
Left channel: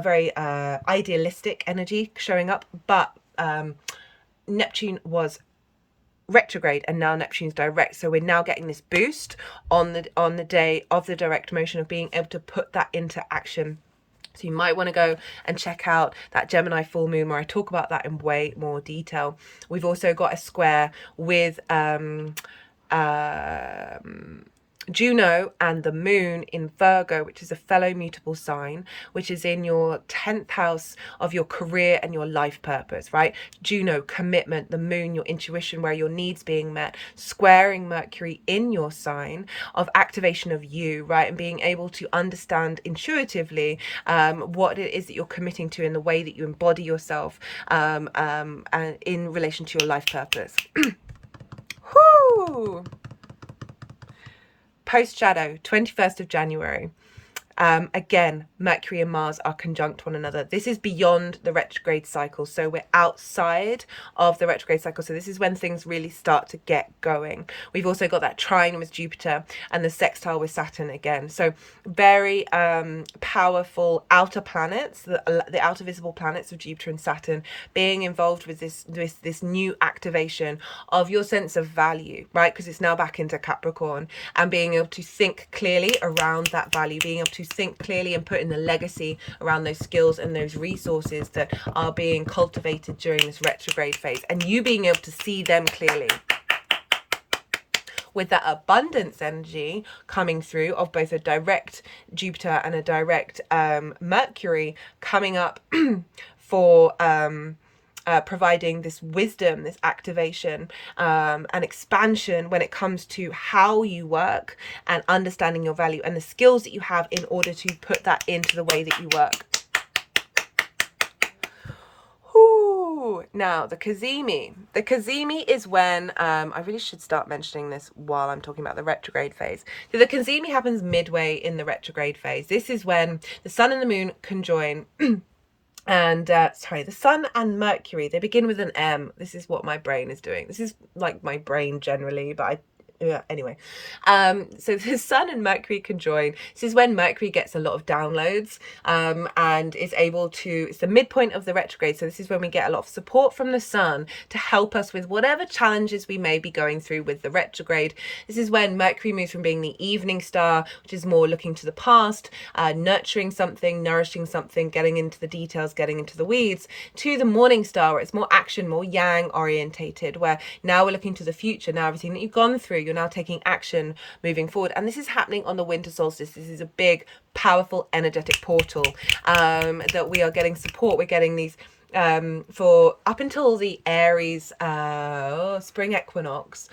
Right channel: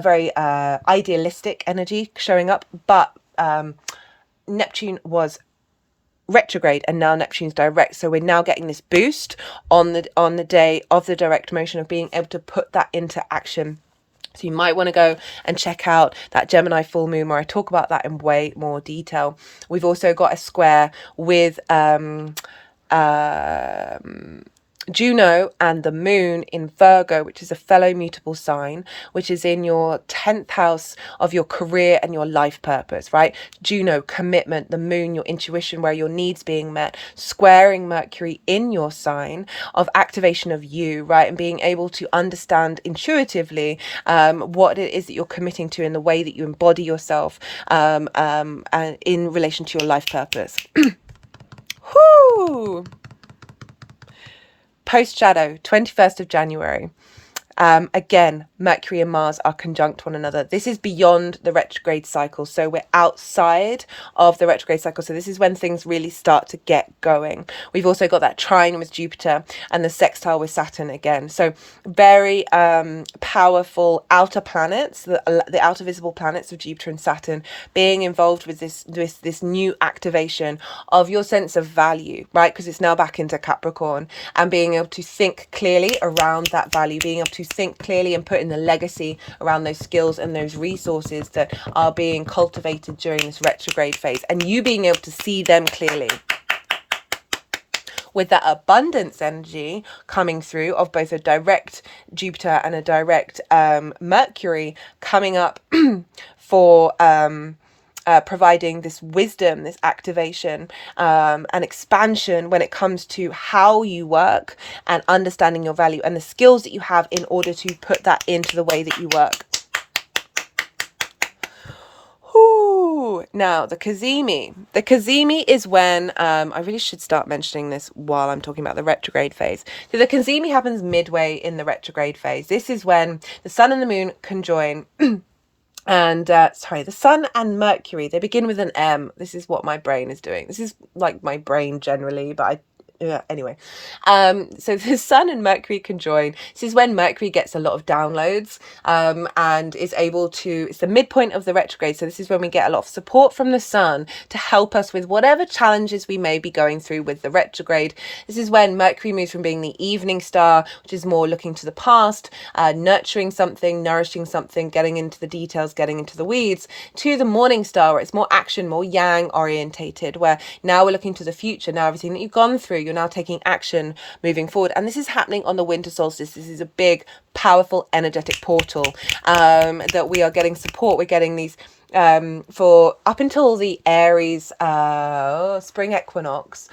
very idealistic energy showing up. But Neptune was retrograde and now Neptune's direct, so we're now getting this boost on the day of the direct motion of being able to put that into action. So you might want to go and check out that Gemini full moon where I talk about that in way more detail. We've also got a square with Juno and the moon in Virgo, which is a fellow mutable sign, which is in your 10th house of your career and your life purpose, right? Juno, commitment, the moon, your intuition, where your needs being met, squaring Mercury in your sign of activation of you, right? And being able to understand intuitively what it is that you're committing to in the way that you embody yourself and in relation to your life purpose. Whoo! Post shadow, 21st of January. Again, Mercury and Mars are conjunct one another. This is beyond the retrograde cycle. So we're outside of the retrograde cycle. So this is when things really start to get going. We've also got that trine with Jupiter and the sextile with Saturn again. So very powerful outer planets, the outer visible planets of Jupiter and Saturn being involved with this new activation of your sense of value, right? Because it's now back into Capricorn, and being able to think clearly around that value, being able to think clearly and put in the legacy around those skills and those resources that are being cultivated during this retrograde phase, and you being able to see them clearly. With that abundance energy coming through of both a direct Jupiter and a direct Mercury coming up for providing this wisdom, this activation, and expansion when it comes to how you work and understanding your value and the skills that you have in order to put that into the way that you work. Now, the Kazemi. The Kazemi is when, I really should start mentioning this while I'm talking about the retrograde phase. So the Kazemi happens midway in the retrograde phase. This is when the sun and the moon conjoin. And sorry, the sun and Mercury, they begin with an M. This is what my brain is doing. This is like my brain generally, but anyway. So the sun and Mercury conjoin. This is when Mercury gets a lot of downloads, and is able to, it's the midpoint of the retrograde. So this is when we get a lot of support from the sun to help us with whatever challenges we may be going through with the retrograde. This is when Mercury moves from being the evening star, which is more looking to the past, nurturing something, nourishing something, getting into the details, getting into the weeds, to the morning star, where it's more action, more yang orientated, where now we're looking to the future. Now everything that you've gone through, you're now taking action moving forward. And this is happening on the winter solstice. This is a big, powerful, energetic portal, that we are getting support. We're getting these for up until the Aries spring equinox.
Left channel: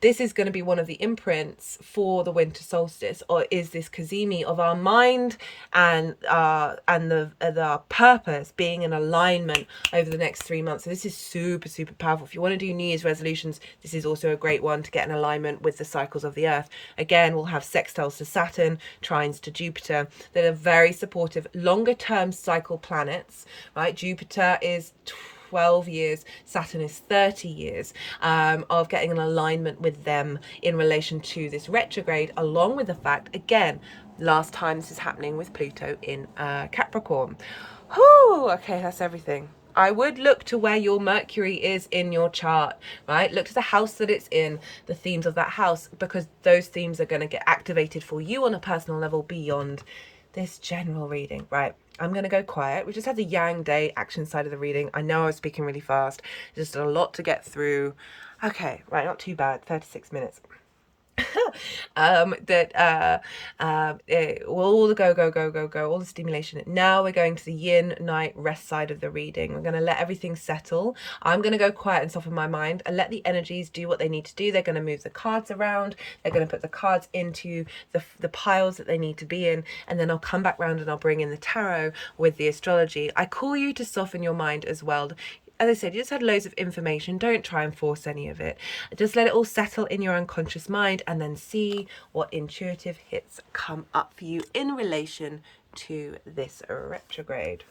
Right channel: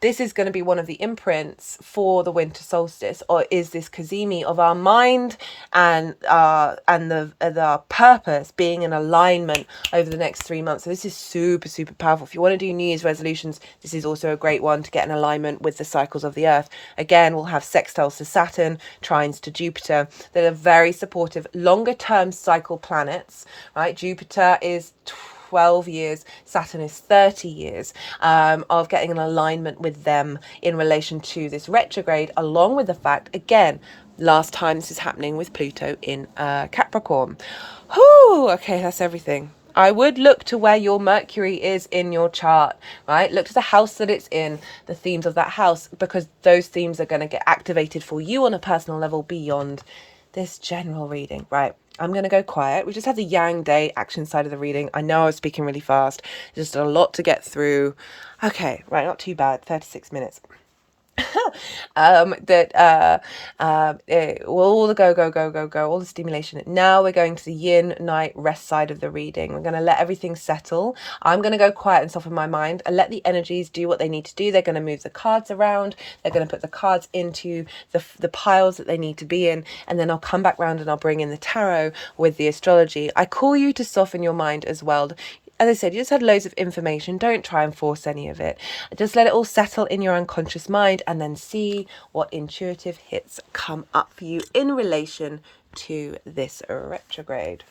This is going to be one of the imprints for the winter solstice, or is this Kazemi of our mind and the purpose being in alignment over the next 3 months. So this is super, super powerful. If you want to do New Year's resolutions, this is also a great one to get in alignment with the cycles of the earth. Again, we'll have sextiles to Saturn, trines to Jupiter, that are very supportive, longer term cycle planets, right? Jupiter is 12 years, Saturn is 30 years, of getting an alignment with them in relation to this retrograde, along with the fact, again, last time this is happening with Pluto in Capricorn. Whew, okay, that's everything. I would look to where your Mercury is in your chart, right? Look to the house that it's in, the themes of that house, because those themes are going to get activated for you on a personal level beyond this general reading, right? I'm going to go quiet. We just had the Yang Day action side of the reading. I know I was speaking really fast. Just a lot to get through. Okay, right, not too bad. 36 minutes. All the go, all the stimulation. Now we're going to the yin night rest side of the reading. We're going to let everything settle. I'm going to go quiet and soften my mind and let the energies do what they need to do. They're going to move the cards around. They're going to put the cards into the piles that they need to be in, and then I'll come back round and I'll bring in the tarot with the astrology. I call you to soften your mind as well. As I said, you just had loads of information. Don't try and force any of it. Just let it all settle in your unconscious mind, and then see what intuitive hits come up for you in relation to this retrograde.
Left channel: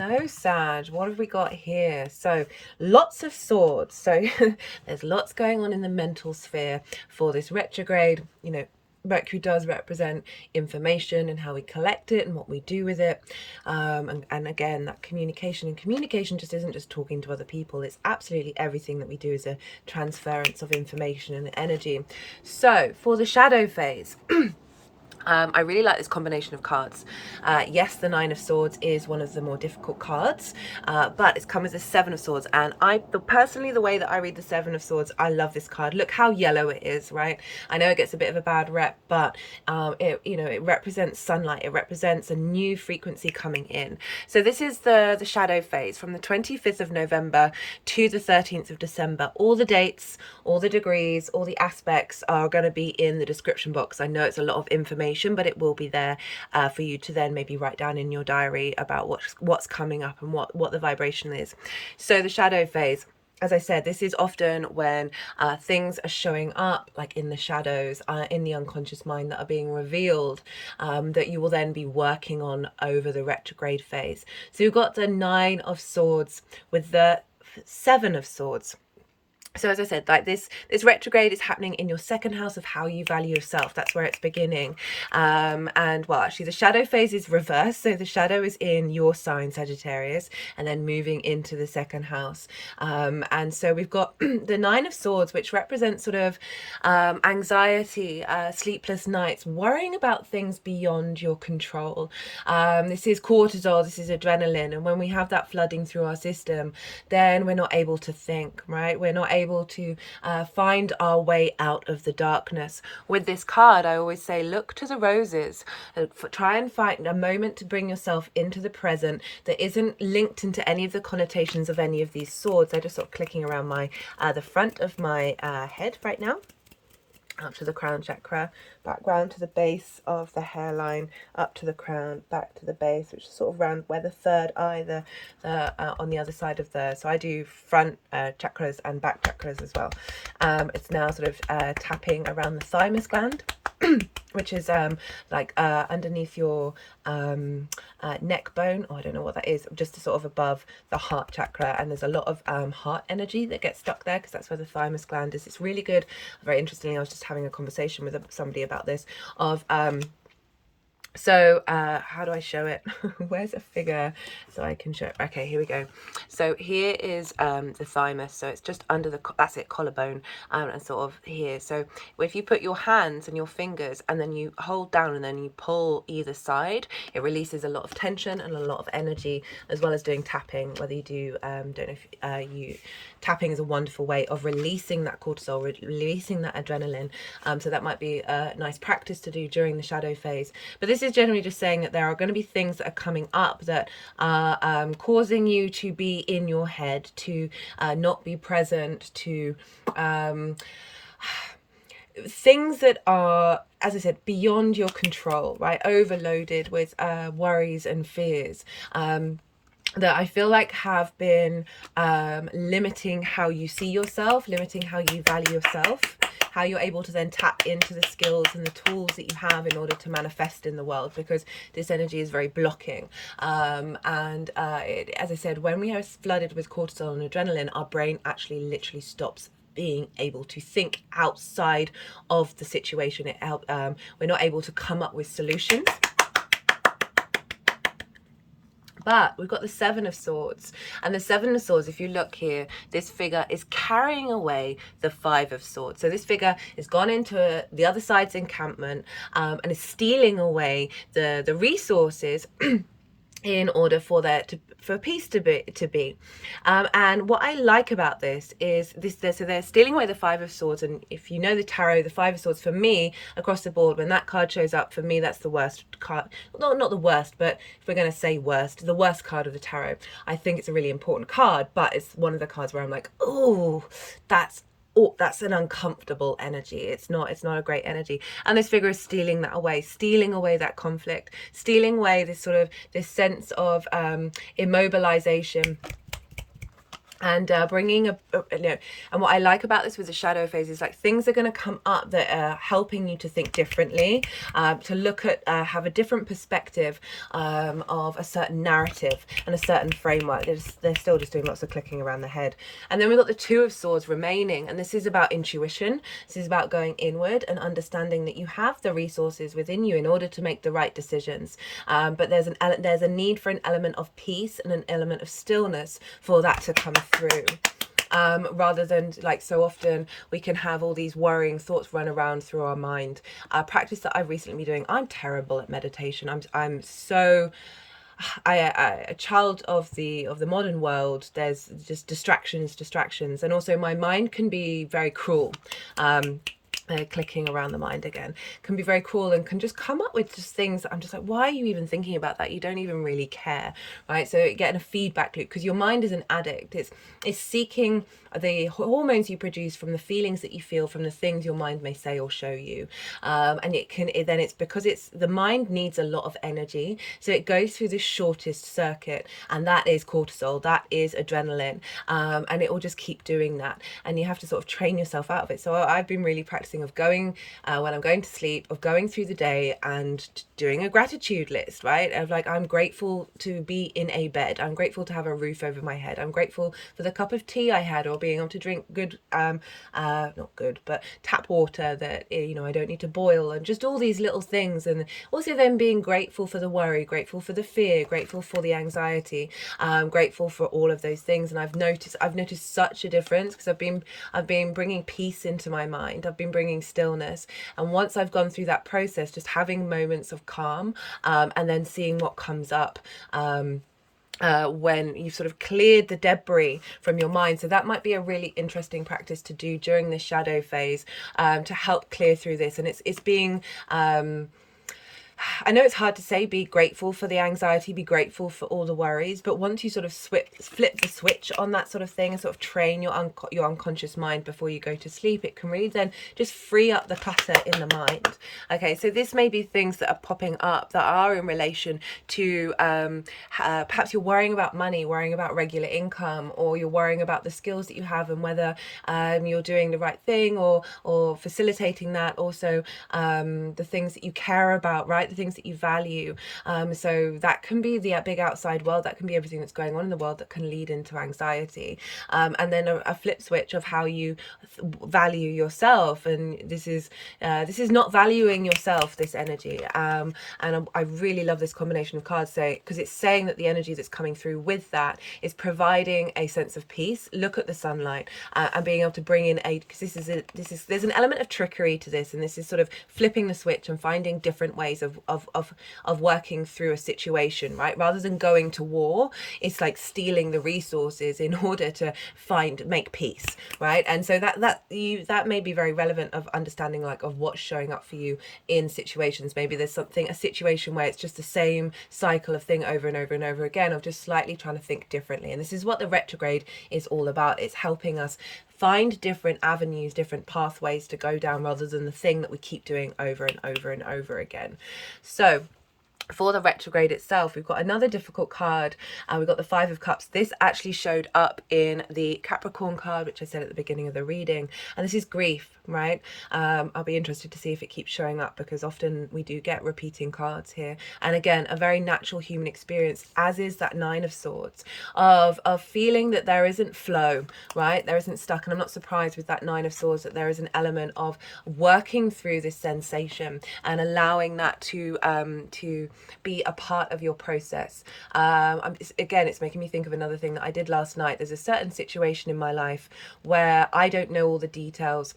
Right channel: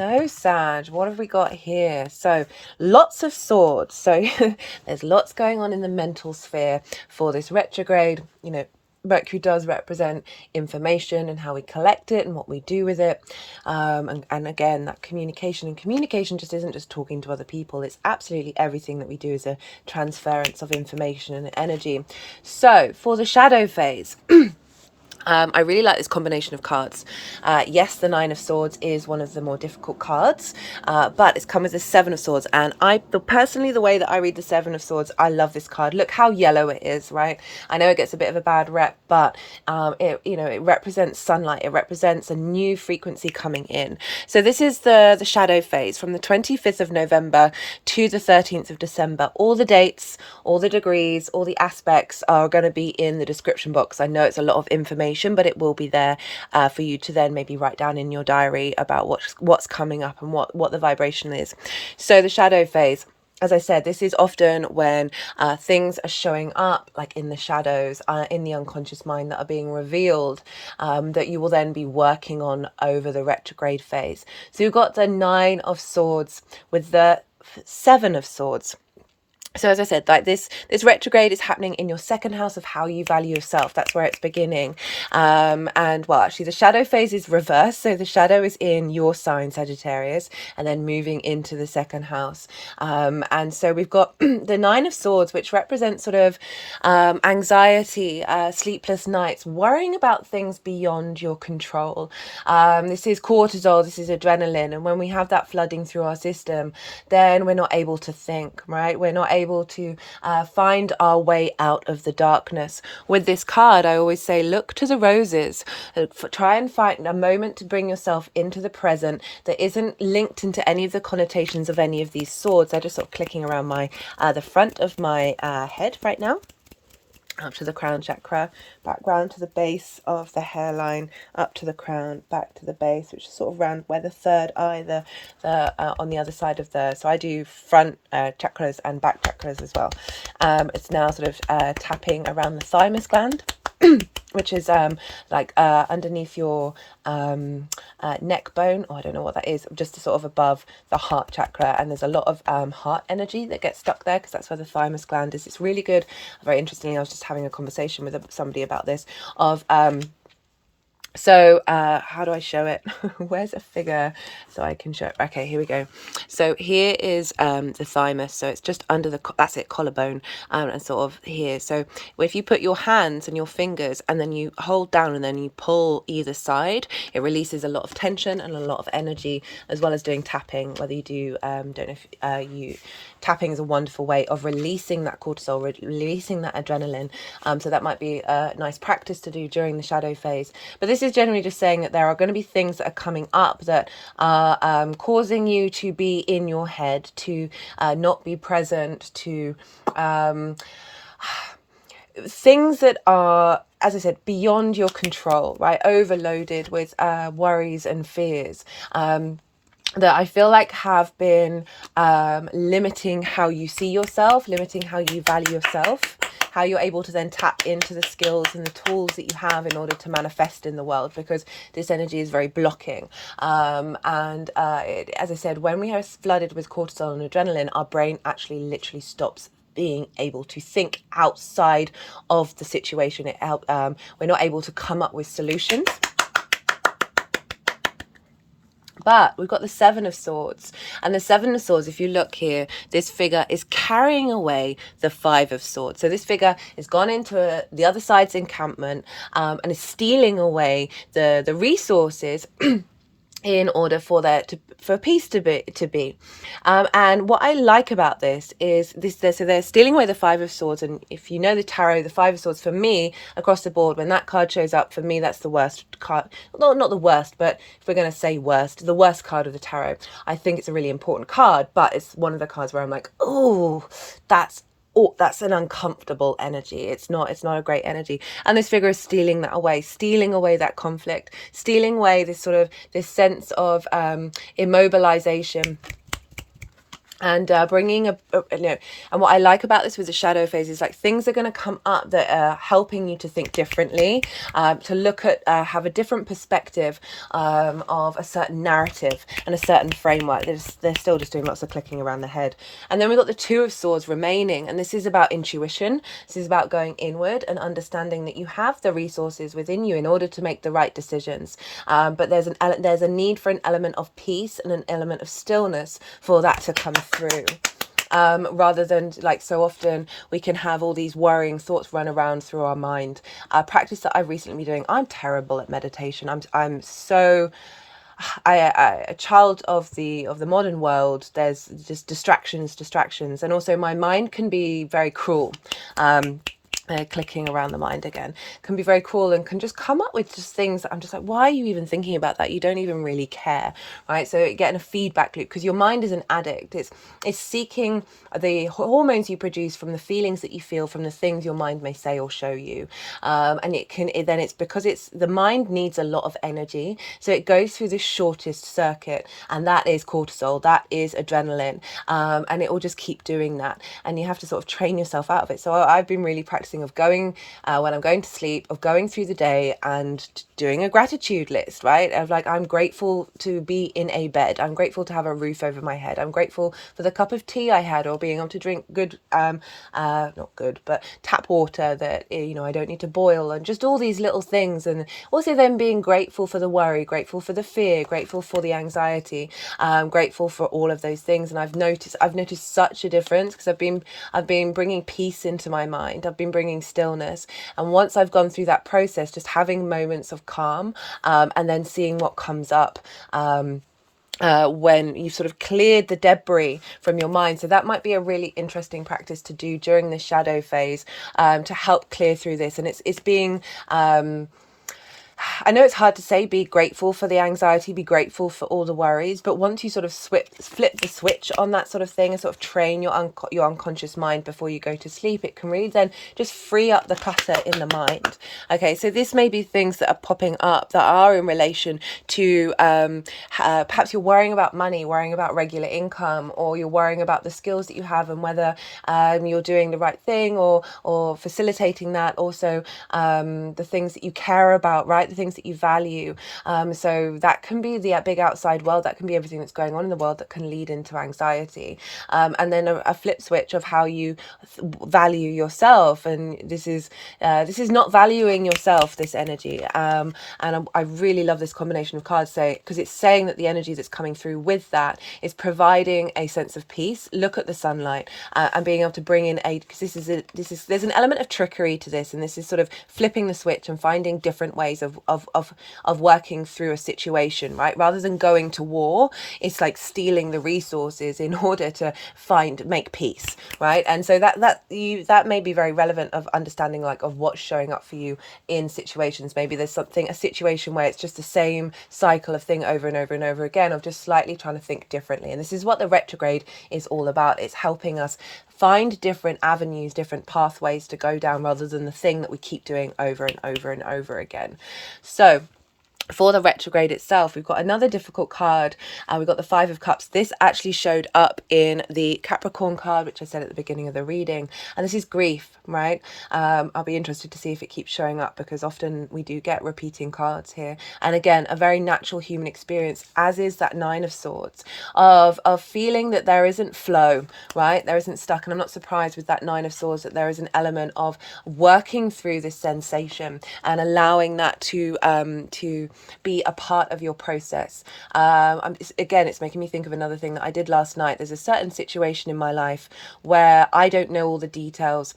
So Sag, what have we got here? So lots of swords. So there's lots going on in the mental sphere for this retrograde. You know, Mercury does represent information and how we collect it and what we do with it. And again, that communication. And communication just isn't just talking to other people. It's absolutely everything that we do is a transference of information and energy. So for the shadow phase, I really like this combination of cards. Yes, the Nine of Swords is one of the more difficult cards, but it's come with the Seven of Swords. And personally, the way that I read the Seven of Swords, I love this card. Look how yellow it is, right? I know it gets a bit of a bad rep, but it represents sunlight. It represents a new frequency coming in. So this is the shadow phase from the 25th of November to the 13th of December. All the dates, all the degrees, all the aspects are going to be in the description box. I know it's a lot of information, but it will be there for you to then maybe write down in your diary about what's coming up and what the vibration is. So the shadow phase, as I said, this is often when things are showing up like in the shadows, in the unconscious mind, that are being revealed, that you will then be working on over the retrograde phase. So you've got the Nine of Swords with the Seven of Swords. So as I said, like this retrograde is happening in your second house of how you value yourself. That's where it's beginning. And well, actually the shadow phase is reversed. So the shadow is in your sign, Sagittarius, and then moving into the second house. And so we've got the Nine of Swords, which represents sort of anxiety, sleepless nights, worrying about things beyond your control. This is cortisol, this is adrenaline. And when we have that flooding through our system, then we're not able to think, right? We're not able to find our way out of the darkness. With this card, I always say, look to the roses. Try and find a moment to bring yourself into the present that isn't linked into any of the connotations of any of these swords. They're just sort of clicking around my the front of my head right now. Up to the crown chakra, back round to the base of the hairline, up to the crown, back to the base, which is sort of around where the third eye, on the other side of the, so I do front chakras and back chakras as well. It's now sort of tapping around the thymus gland, which is underneath your neck bone, or I don't know what that is, just sort of above the heart chakra. And there's a lot of heart energy that gets stuck there because that's where the thymus gland is. It's really good. Very interestingly, I was just having a conversation with somebody about this of so how do I show it? Where's a figure so I can show it? Okay, here we go. So here is the thymus. So it's just under the, that's it, collarbone, and sort of here. So if you put your hands and your fingers and then you hold down and then you pull either side, it releases a lot of tension and a lot of energy, as well as doing tapping. Whether you do, don't know if tapping is a wonderful way of releasing that cortisol, releasing that adrenaline. So that might be a nice practice to do during the shadow phase. But this is generally just saying that there are going to be things that are coming up that are causing you to be in your head, to not be present, to things that are, as I said, beyond your control, right? Overloaded with worries and fears. That I feel like have been limiting how you see yourself, limiting how you value yourself, how you're able to then tap into the skills and the tools that you have in order to manifest in the world, because this energy is very blocking. As I said, when we are flooded with cortisol and adrenaline, our brain actually literally stops being able to think outside of the situation. We're not able to come up with solutions. But we've got the Seven of Swords, and the Seven of Swords, if you look here, this figure is carrying away the Five of Swords. So this figure has gone into the other side's encampment and is stealing away the resources in order for peace to be. And what I like about this is so they're stealing away the Five of Swords. And if you know the tarot, the Five of Swords, for me, across the board, when that card shows up, for me, that's the worst card. Not the worst, but if we're going to say worst, the worst card of the tarot. I think it's a really important card, but it's one of the cards where I'm like, oh, that's an uncomfortable energy. It's not a great energy. And this figure is stealing that away, stealing away that conflict, stealing away this sense of immobilization and bringing and what I like about this with the shadow phase is like things are going to come up that are helping you to think differently, to look at have a different perspective of a certain narrative and a certain framework. They're still just doing lots of clicking around the head. And then we've got the Two of Swords remaining, and this is about intuition. This is about going inward and understanding that you have the resources within you in order to make the right decisions, but there's a need for an element of peace and an element of stillness for that to come through, rather than like so often we can have all these worrying thoughts run around through our mind. A practice that I've recently been doing, I'm terrible at meditation. I'm so a child of the modern world. There's just distractions, and also my mind can be very cruel. Clicking around the mind again can be very cool and can just come up with just things that I'm just like, why are you even thinking about that? You don't even really care, right? So getting a feedback loop, because your mind is an addict. It's seeking the hormones you produce from the feelings that you feel from the things your mind may say or show you, and then it's because the mind needs a lot of energy, so it goes through this shortest circuit, and that is cortisol, that is adrenaline, and it will just keep doing that, and you have to sort of train yourself out of it. So I've been really practicing of going, when I'm going to sleep, of going through the day and doing a gratitude list, right? Of like, I'm grateful to be in a bed. I'm grateful to have a roof over my head. I'm grateful for the cup of tea I had, or being able to drink good, not good, but tap water that, I don't need to boil, and just all these little things. And also then being grateful for the worry, grateful for the fear, grateful for the anxiety, grateful for all of those things. And I've noticed such a difference, because I've been bringing peace into my mind. I've been bringing stillness, and once I've gone through that process, just having moments of calm, and then seeing what comes up, when you've sort of cleared the debris from your mind. So that might be a really interesting practice to do during the shadow phase, to help clear through this. And it's being I know it's hard to say, be grateful for the anxiety, be grateful for all the worries, but once you sort of flip the switch on that sort of thing and sort of train your unconscious mind before you go to sleep, it can really then just free up the clutter in the mind. Okay, so this may be things that are popping up that are in relation to perhaps you're worrying about money, worrying about regular income, or you're worrying about the skills that you have and whether you're doing the right thing, or facilitating that. Also, the things that you care about, right? The things that you value. So that can be the big outside world. That can be everything that's going on in the world that can lead into anxiety. And then a flip switch of how you value yourself. And this is not valuing yourself, this energy. And I really love this combination of cards, because it's saying that the energy that's coming through with that is providing a sense of peace. Look at the sunlight, and being able to bring in because there's an element of trickery to this, and this is sort of flipping the switch and finding different ways of working through a situation, right? Rather than going to war, it's like stealing the resources in order to make peace, right? And so that may be very relevant of understanding, like, of what's showing up for you in situations. Maybe there's a situation where it's just the same cycle of thing over and over and over again, of just slightly trying to think differently. And this is what the retrograde is all about. It's helping us find different avenues, different pathways to go down, rather than the thing that we keep doing over and over and over again. So for the retrograde itself, we've got another difficult card. We've got the Five of Cups. This actually showed up in the Capricorn card, which I said at the beginning of the reading. And this is grief, right? I'll be interested to see if it keeps showing up, because often we do get repeating cards here. And again, a very natural human experience, as is that Nine of Swords, of feeling that there isn't flow, right? There isn't stuck. And I'm not surprised with that Nine of Swords that there is an element of working through this sensation and allowing that to be a part of your process. It's making me think of another thing that I did last night. There's a certain situation in my life where I don't know all the details,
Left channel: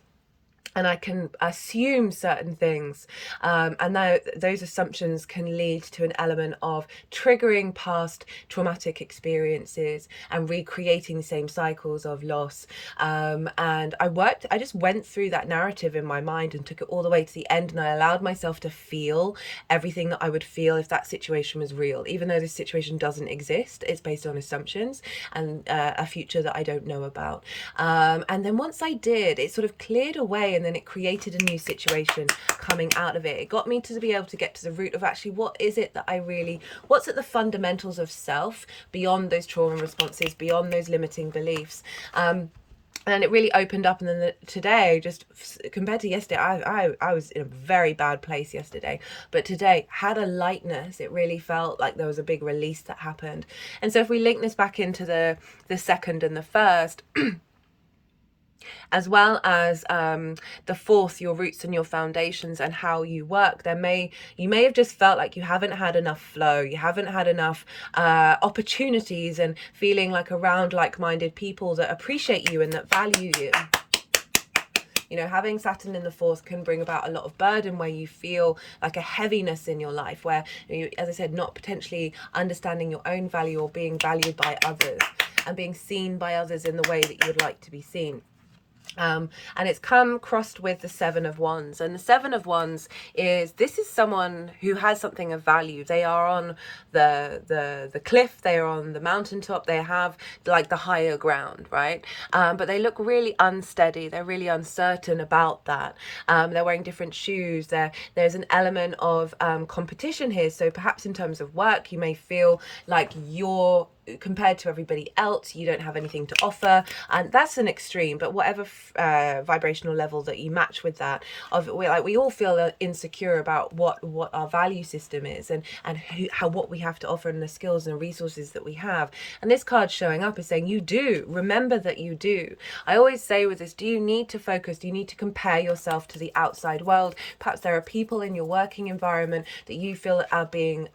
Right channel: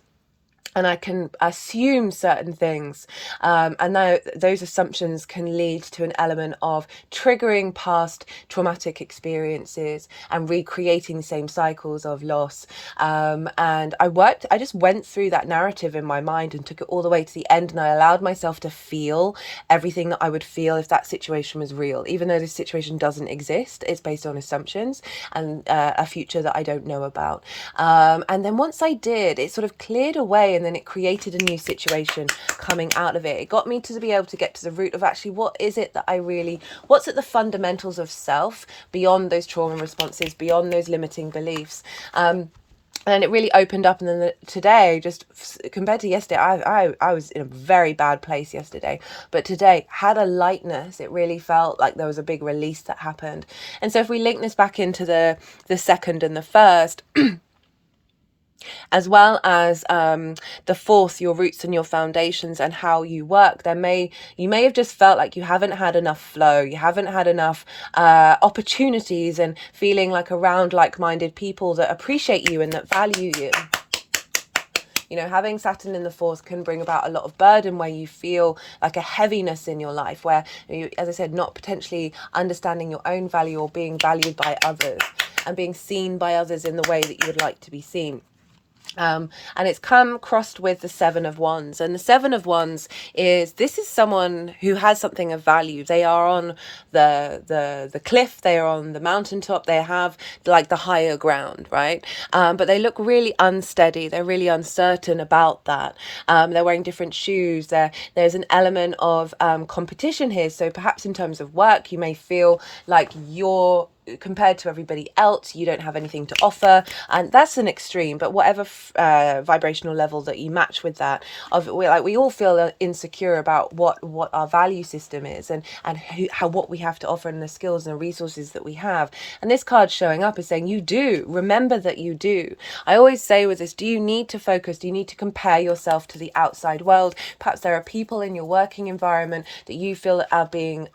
and I can assume certain things, and those assumptions can lead to an element of triggering past traumatic experiences and recreating the same cycles of loss. And I just went through that narrative in my mind and took it all the way to the end, and I allowed myself to feel everything that I would feel if that situation was real, even though this situation doesn't exist. It's based on assumptions and a future that I don't know about. And then once I did, it sort of cleared away away, and then it created a new situation coming out of it. It got me to be able to get to the root of actually what is it that what's at the fundamentals of self beyond those trauma responses, beyond those limiting beliefs. And it really opened up. And then today, just compared to yesterday, I was in a very bad place yesterday, but today had a lightness. It really felt like there was a big release that happened. And so if we link this back into the second and the first, as well as the fourth, your roots and your foundations and how you work, you may have just felt like you haven't had enough flow, you haven't had enough opportunities, and feeling like around like-minded people that appreciate you and that value you. You know, having Saturn in the fourth can bring about a lot of burden, where you feel like a heaviness in your life, where you, as I said, not potentially understanding your own value or being valued by others and being seen by others in the way that you would like to be seen. And it's come crossed with the Seven of Wands, and the Seven of Wands is someone who has something of value. They are on the cliff, they are on the mountaintop, they have like the higher ground, right? But they look really unsteady, they're really uncertain about that. They're wearing different shoes, there's an element of competition here. So perhaps in terms of work, you may feel like you're compared to everybody else, you don't have anything to offer, and that's an extreme. But whatever vibrational level that you match with that, we all feel insecure about what our value system is, and how what we have to offer, and the skills and the resources that we have. And this card showing up is saying you do. Remember that you do. I always say with this, do you need to focus? Do you need to compare yourself to the outside world? Perhaps there are people in your working environment that you feel are being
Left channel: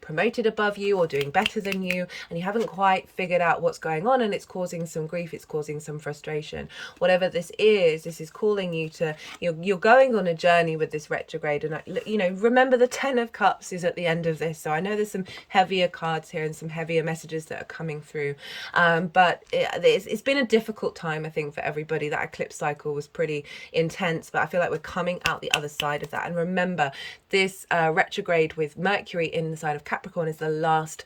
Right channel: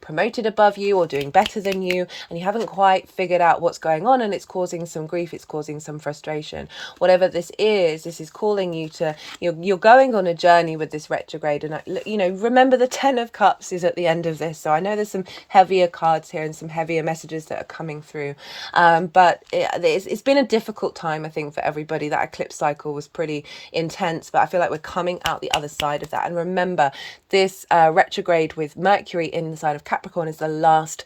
promoted above you or doing better than you, and you haven't quite figured out what's going on, and it's causing some grief, it's causing some frustration. Whatever this is calling you to, you're going on a journey with this retrograde. And you know, remember the Ten of Cups is at the end of this, so I know there's some heavier cards here and some heavier messages that are coming through, but it's been a difficult time, I think, for everybody. That eclipse cycle was pretty intense, but I feel like we're coming out the other side of that. And remember, this retrograde with Mercury in the sign of Capricorn is the last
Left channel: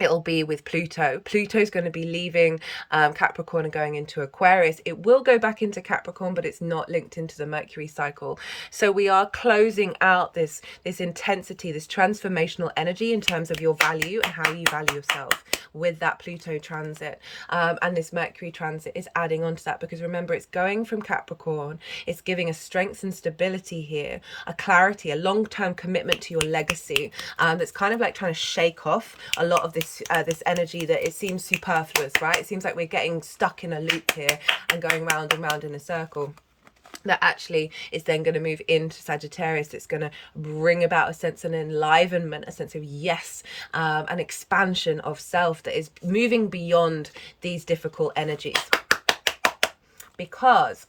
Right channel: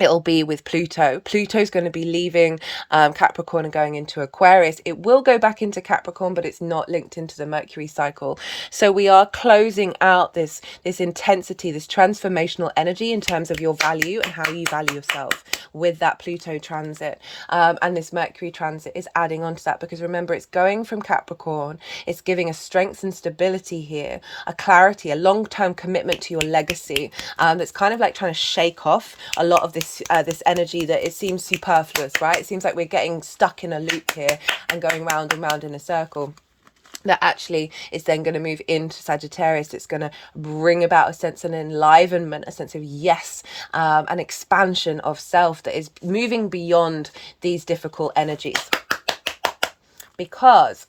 it'll be with Pluto. Pluto's going to be leaving Capricorn and going into Aquarius. It will go back into Capricorn, but it's not linked into the Mercury cycle. So we are closing out this intensity, this transformational energy in terms of your value and how you value yourself with that Pluto transit. And this Mercury transit is adding on to that, because remember, it's going from Capricorn. It's giving a strength and stability here, a clarity, a long-term commitment to your legacy. That's kind of like trying to shake off a lot of this energy that it seems superfluous, right? It seems like we're getting stuck in a loop here and going round and round in a circle. That actually is then going to move into Sagittarius. It's going to bring about a sense of enlivenment, a sense of yes, an expansion of self that is moving beyond these difficult energies. Because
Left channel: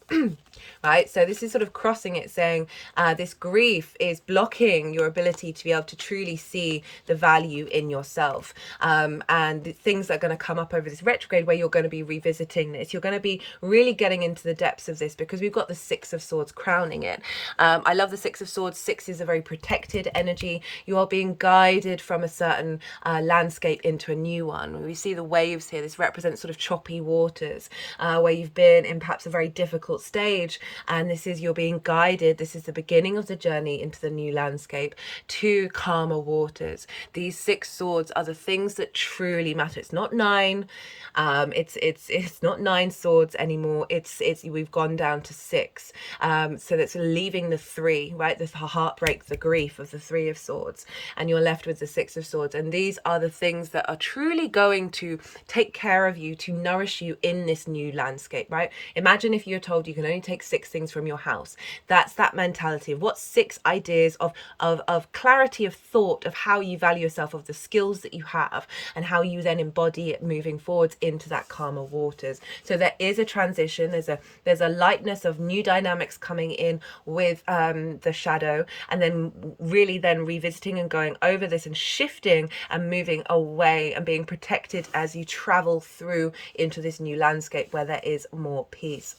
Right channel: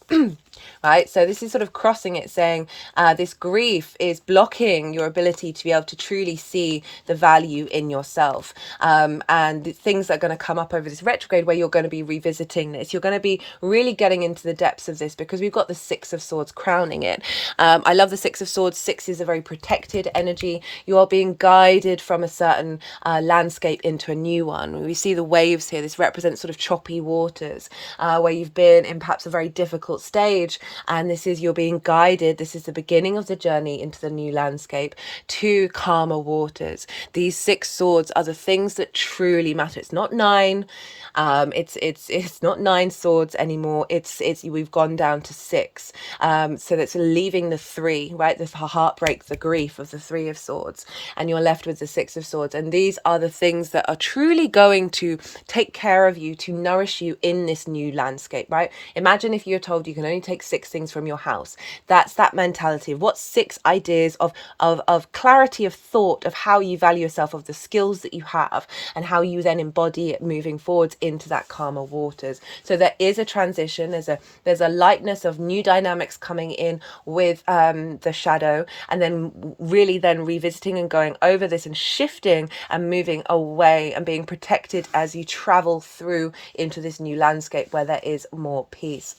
right, so this is sort of crossing it, saying this grief is blocking your ability to be able to truly see the value in yourself, and the things that are going to come up over this retrograde, where you're going to be revisiting this. You're going to be really getting into the depths of this, because we've got the Six of Swords crowning it. I love the Six of Swords. Six is a very protected energy. You are being guided from a certain landscape into a new one. We see the waves here. This represents sort of choppy waters, where you've been in perhaps a very difficult stage, and this is, you're being guided. This is the beginning of the journey into the new landscape to calmer waters. These Six Swords are the things that truly matter. It's not nine, it's not nine swords anymore. It's we've gone down to six, so that's leaving the three, right? The heartbreak, the grief of the Three of Swords, and you're left with the Six of Swords. And these are the things that are truly going to take care of you, to nourish you in this new landscape, right? Imagine if you're told you can only take six things from your house. That's that mentality of what six ideas of clarity of thought, of how you value yourself, of the skills that you have, and how you then embody it moving forwards into that calmer waters. So there is a transition. There's a lightness of new dynamics coming in with the shadow, and then really then revisiting and going over this and shifting and moving away and being protected as you travel through into this new landscape where there is more peace.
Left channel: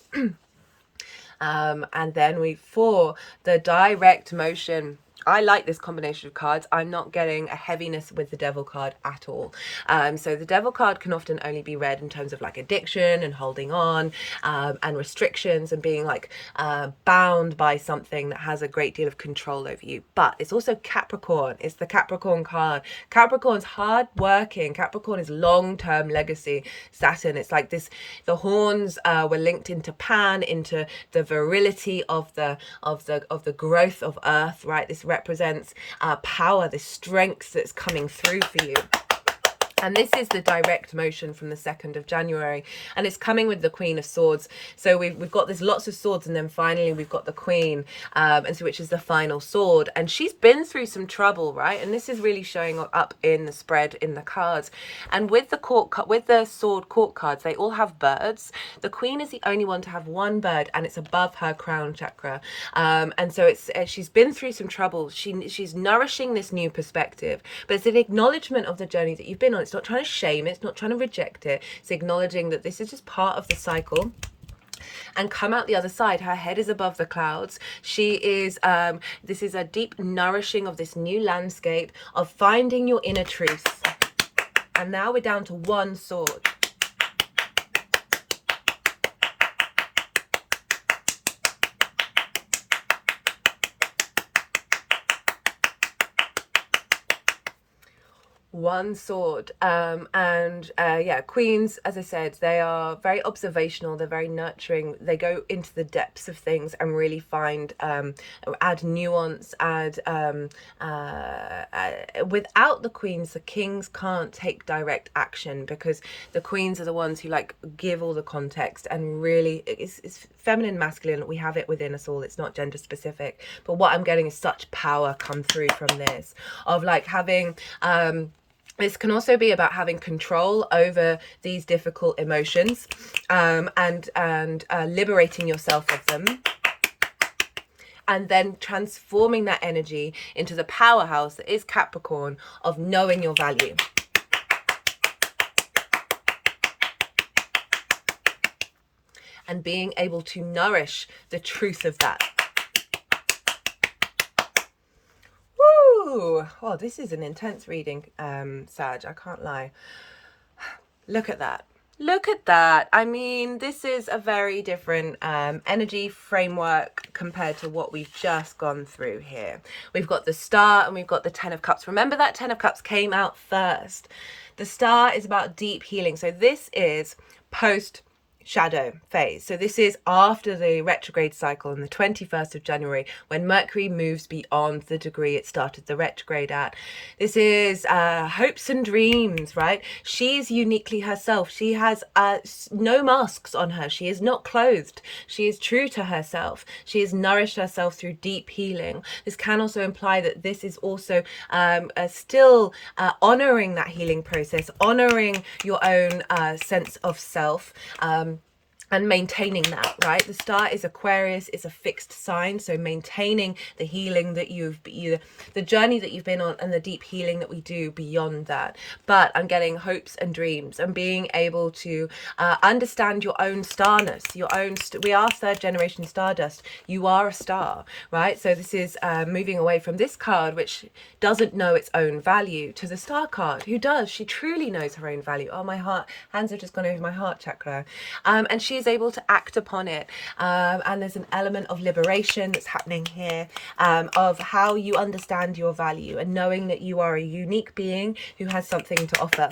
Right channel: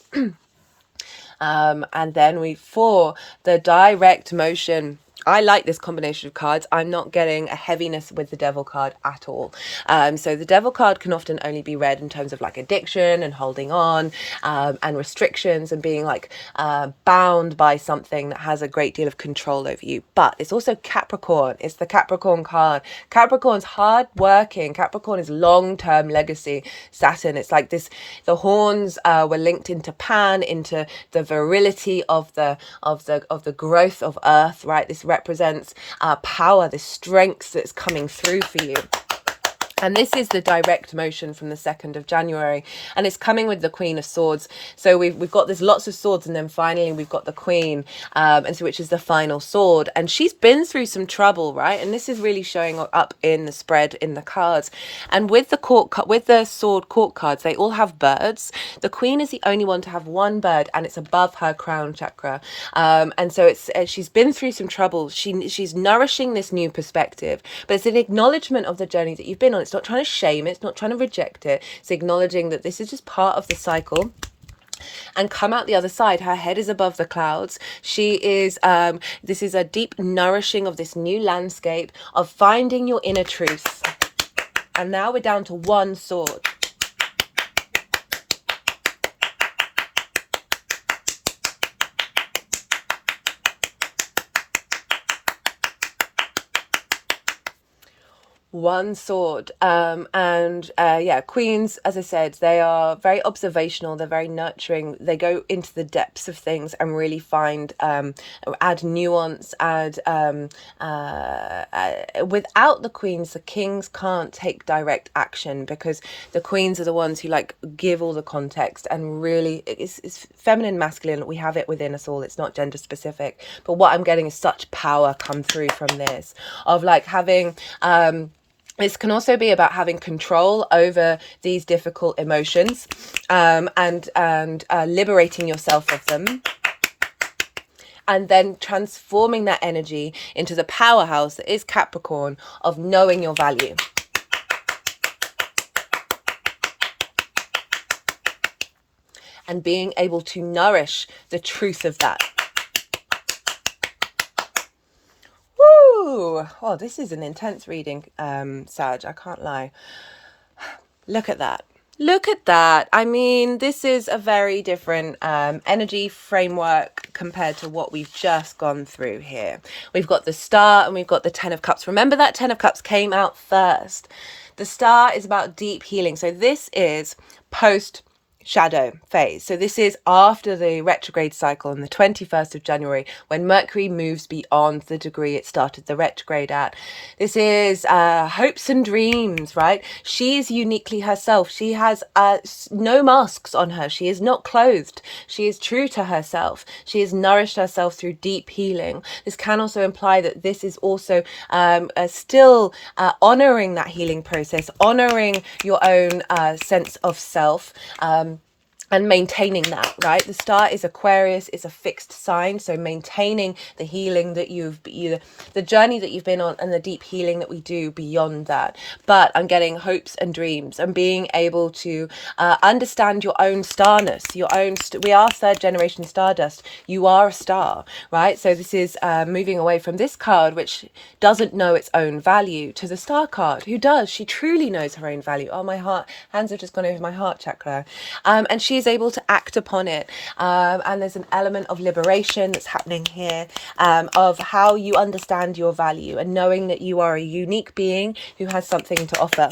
And then for the direct motion I like this combination of cards. I'm not getting a heaviness with the devil card at all. So the devil card can often only be read in terms of like addiction and holding on, and restrictions and being like bound by something that has a great deal of control over you. But it's also Capricorn. It's the Capricorn card. Capricorn's hard working. Capricorn is long-term legacy. Saturn. It's like this. The horns were linked into Pan, into the virility of the growth of Earth. Right. This represents power, the strength that's coming through for you. And this is the direct motion from the 2nd of January. And it's coming with the Queen of Swords. So we've got there's lots of swords, and then finally we've got the Queen, and so which is the final sword. And she's been through some trouble, right? And this is really showing up in the spread in the cards. And with the sword court cards, they all have birds. The Queen is the only one to have one bird, and it's above her crown chakra. And so she's been through some trouble. She's nourishing this new perspective, but it's an acknowledgement of the journey that you've been on. It's not trying to shame it. It's not trying to reject it. It's acknowledging that this is just part of the cycle. And come out the other side. Her head is above the clouds. She is, this is a deep nourishing of this new landscape of finding your inner truth. And now we're down to one sword. One sword. Yeah, queens, as I said, they are very observational, they're very nurturing, they go into the depths of things and really find add nuance, without the queens, the kings can't take direct action, because the queens are the ones who like give all the context, and really it's feminine, masculine, we have it within us all, it's not gender specific. But what I'm getting is such power come through from this, of like having this can also be about having control over these difficult emotions, and liberating yourself of them, and then transforming that energy into the powerhouse that is Capricorn, of knowing your value. And being able to nourish the truth of that. Oh, this is an intense reading, Sag, I can't lie. Look at that. Look at that. I mean, this is a very different energy framework compared to what we've just gone through here. We've got the Star and we've got the 10 of Cups. Remember that 10 of Cups came out first. The Star is about deep healing. So this is post shadow phase. So this is after the retrograde cycle on the 21st of January, when Mercury moves beyond the degree it started the retrograde at. This is hopes and dreams, right? She is uniquely herself. She has no masks on her. She is not clothed. She is true to herself. She has nourished herself through deep healing. This can also imply that this is also still honoring that healing process, honoring your own sense of self, and maintaining that, right? The Star is Aquarius, it's a fixed sign, so maintaining the healing that the journey that you've been on, and the deep healing that we do beyond that. But I'm getting hopes and dreams, and being able to understand your own starness, we are third generation stardust. You are a star, right? So this is moving away from this card, which doesn't know its own value, to the Star card, who does. She truly knows her own value. Oh, my hands have just gone over my heart chakra. And she is able to act upon it, and there's an element of liberation that's happening here, of how you understand your value and knowing that you are a unique being who has something to offer.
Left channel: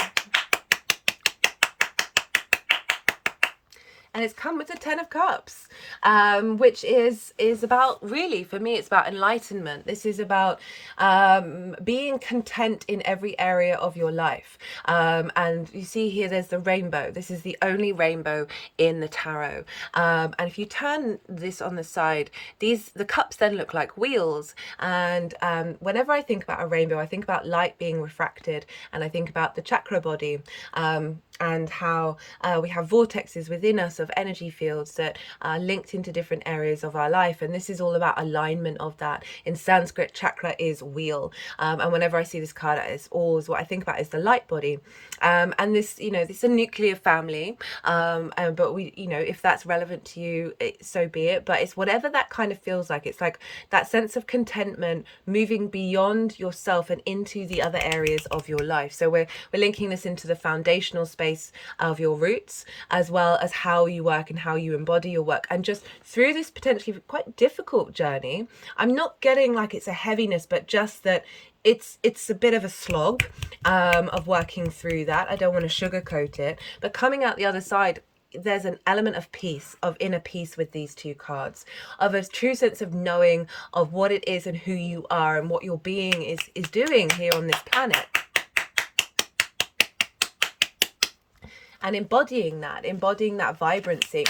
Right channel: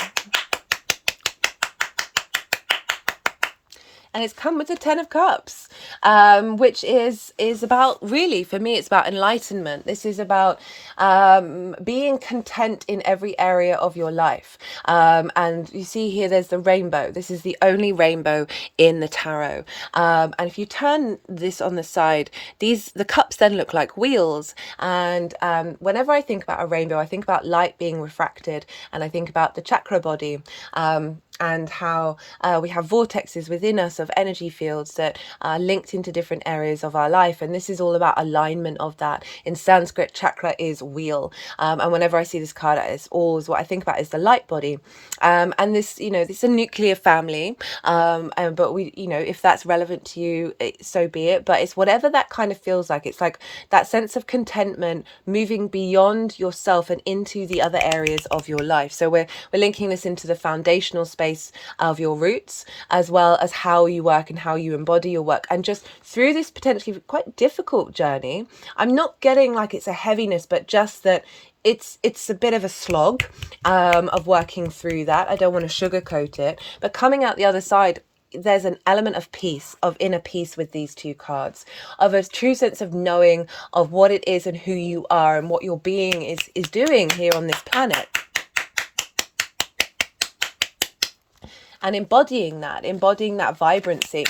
And it's come with the 10 of Cups, which is about, really, for me, it's about enlightenment. This is about being content in every area of your life. And you see here, there's the rainbow. This is the only rainbow in the tarot. And if you turn this on the side, the cups then look like wheels. And whenever I think about a rainbow, I think about light being refracted, and I think about the chakra body. And how we have vortexes within us of energy fields that linked into different areas of our life. And this is all about alignment of that. In Sanskrit, chakra is wheel. And whenever I see this card, it's always what I think about is the light body. And this, you know, this is a nuclear family. But we, you know, if that's relevant to you, so be it. But it's whatever that kind of feels like. It's like that sense of contentment, moving beyond yourself and into the other areas of your life. So we're linking this into the foundational space of your roots, as well as how you work and how you embody your work. And just through this potentially quite difficult journey, I'm not getting like it's a heaviness, but just that it's a bit of a slog of working through that. I don't want to sugarcoat it, but coming out the other side, there's an element of peace, of inner peace with these two cards, of a true sense of knowing of what it is and who you are and what your being is doing here on this planet. And embodying that vibrancy.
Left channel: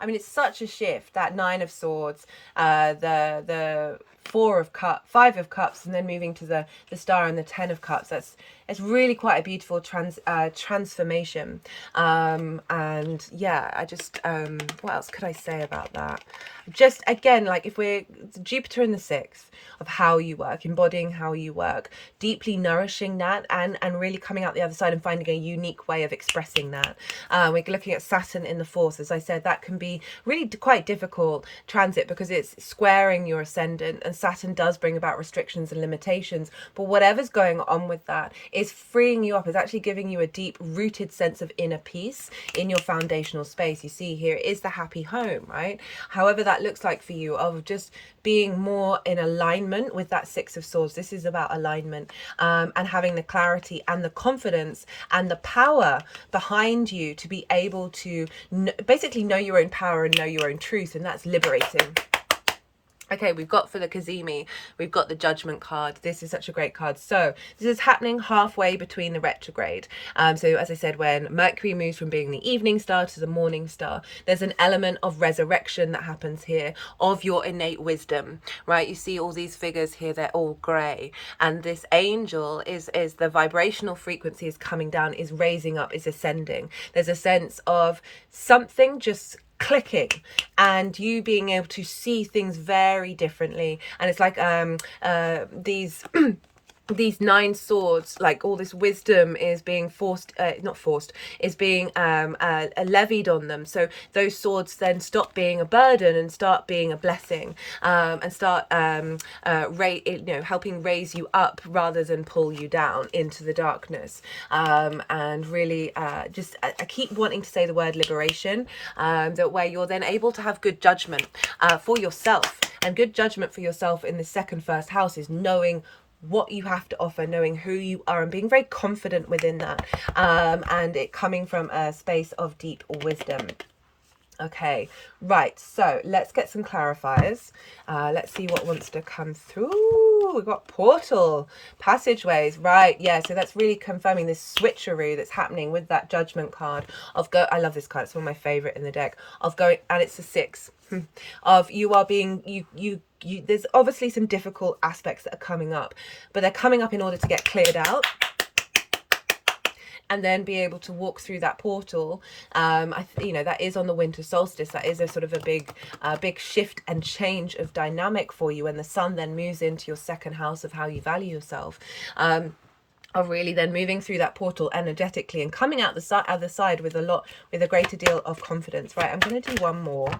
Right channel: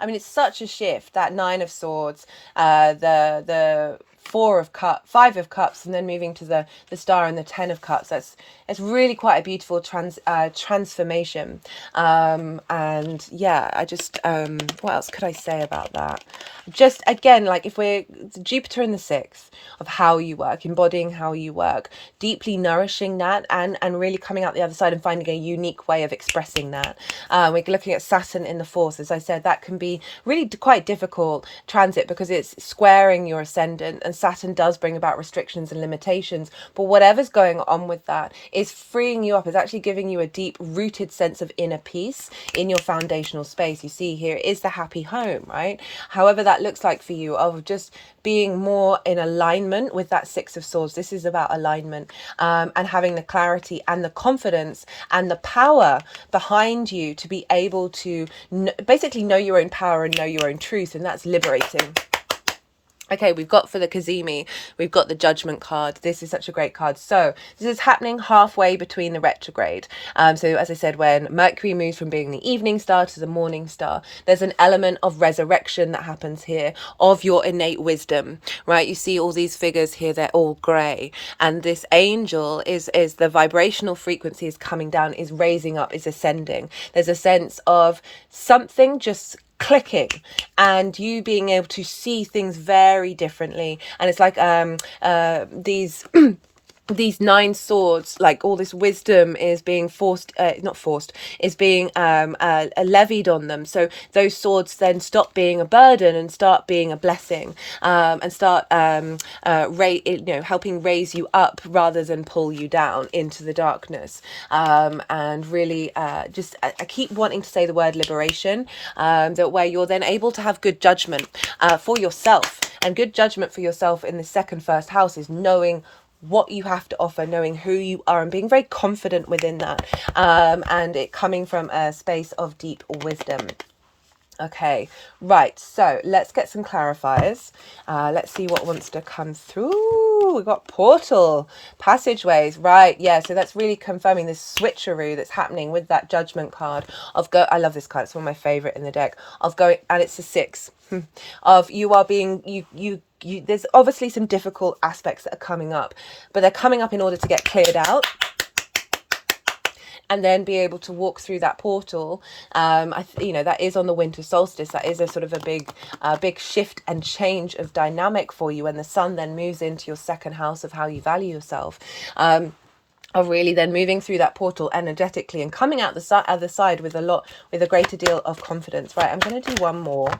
I mean, it's such a shift, that Nine of Swords, the Five of Cups, and then moving to the Star and the Ten of Cups. It's really quite a beautiful transformation. And yeah, I just, what else could I say about that? Just, again, like if we're Jupiter in the sixth of how you work, embodying how you work, deeply nourishing that, and really coming out the other side and finding a unique way of expressing that. We're looking at Saturn in the fourth. As I said, that can be really quite difficult transit because it's squaring your ascendant, and Saturn does bring about restrictions and limitations. But whatever's going on with that is freeing you up, is actually giving you a deep rooted sense of inner peace in your foundational space. You see here is the happy home, right? However that looks like for you, of just being more in alignment with that Six of Swords. This is about alignment, and having the clarity and the confidence and the power behind you to be able to basically know your own power and know your own truth, and that's liberating. Okay, we've got for the Kazemi, we've got the Judgment card. This is such a great card. So this is happening halfway between the retrograde. So as I said, when Mercury moves from being the evening star to the morning star, there's an element of resurrection that happens here of your innate wisdom, right? You see all these figures here, they're all grey. And this angel is the vibrational frequency is coming down, is raising up, is ascending. There's a sense of something just clicking and you being able to see things very differently. And it's like these these nine swords, like all this wisdom is being is being levied on them. So those swords then stop being a burden and start being a blessing, and start helping raise you up rather than pull you down into the darkness. And really I keep wanting to say the word liberation, that where you're then able to have good judgment for yourself. And good judgment for yourself in the first house is knowing what you have to offer, knowing who you are, and being very confident within that, and it coming from a space of deep wisdom. Okay, right, so let's get some clarifiers. Let's see what wants to come through. We've got portal, passageways, right? Yeah, so that's really confirming this switcheroo that's happening with that Judgment card of I love this card, it's one of my favorite in the deck, of going, and it's a 6 of you are being you there's obviously some difficult aspects that are coming up, but they're coming up in order to get cleared out and then be able to walk through that portal. That is on the winter solstice. That is a sort of a big shift and change of dynamic for you when the sun then moves into your second house of how you value yourself. Of really then moving through that portal energetically and coming out the other side with a greater deal of confidence. Right, I'm going to do one more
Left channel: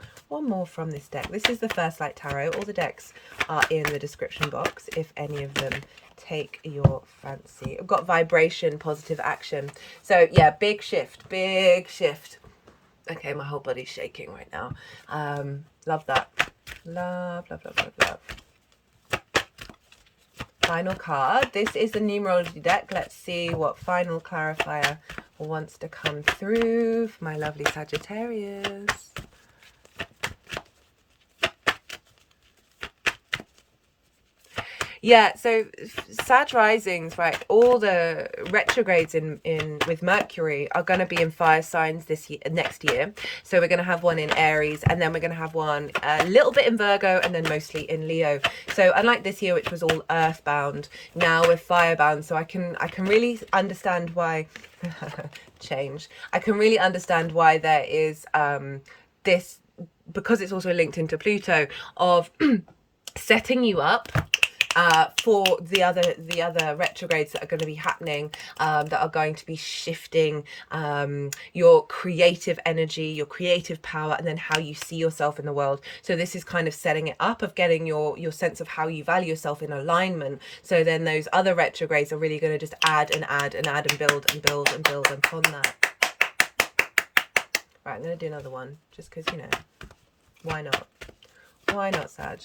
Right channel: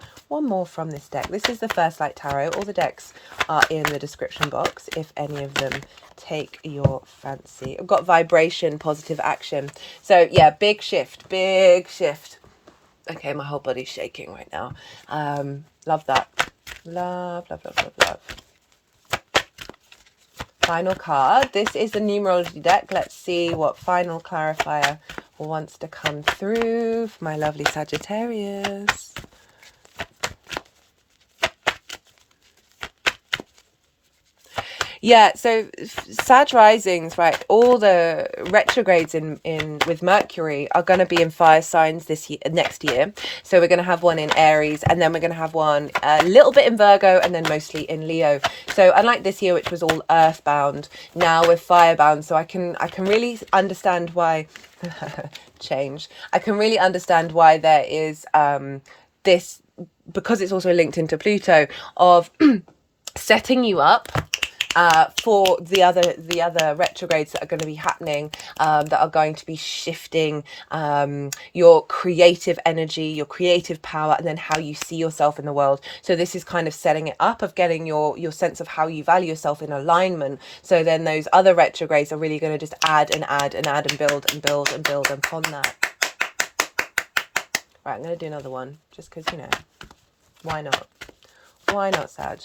from this deck. This is the First Light Tarot. All the decks are in the description box if any of them take your fancy. I've got vibration, positive action. So yeah, big shift. Okay, my whole body's shaking right now. Love that. Love. Final card. This is the numerology deck. Let's see what final clarifier wants to come through for my lovely Sagittarius. Yeah, so Sag risings, right? All the retrogrades in with Mercury are going to be in fire signs this year, next year. So we're going to have one in Aries, and then we're going to have one a little bit in Virgo, and then mostly in Leo. So unlike this year, which was all earthbound, now we're firebound. So I can really understand why change. I can really understand why there is this, because it's also linked into Pluto, of setting you up for the other retrogrades that are going to be happening, that are going to be shifting your creative energy, your creative power, and then how you see yourself in the world. So this is kind of setting it up of getting your sense of how you value yourself in alignment. So then those other retrogrades are really going to just add and add and add and build and build and build upon that. Right, I'm going to do another one just because, you know, why not? Why not, Sag?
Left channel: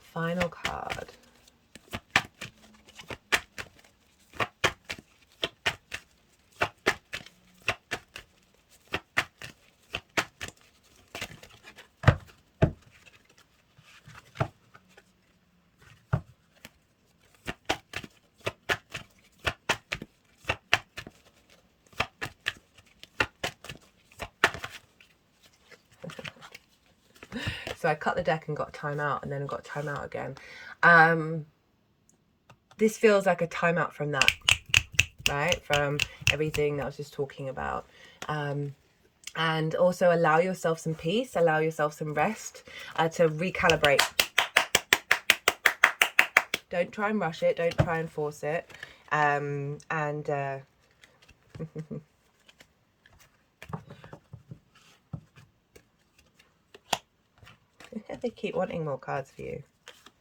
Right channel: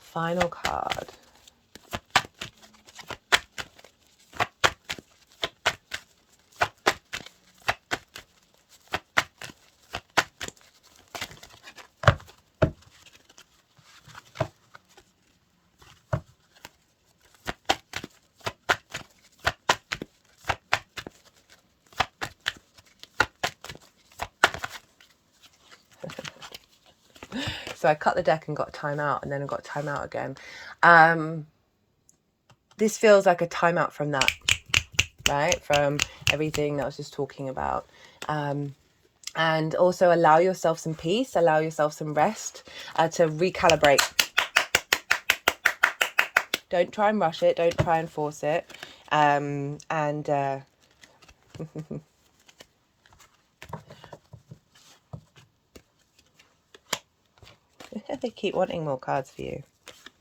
Final card. So I cut the deck and got time out, and then got time out again. This feels like a timeout from that, right? From everything that I was just talking about. And also allow yourself some peace, allow yourself some rest, to recalibrate. Don't try and rush it. Don't try and force it. They keep wanting more cards for you.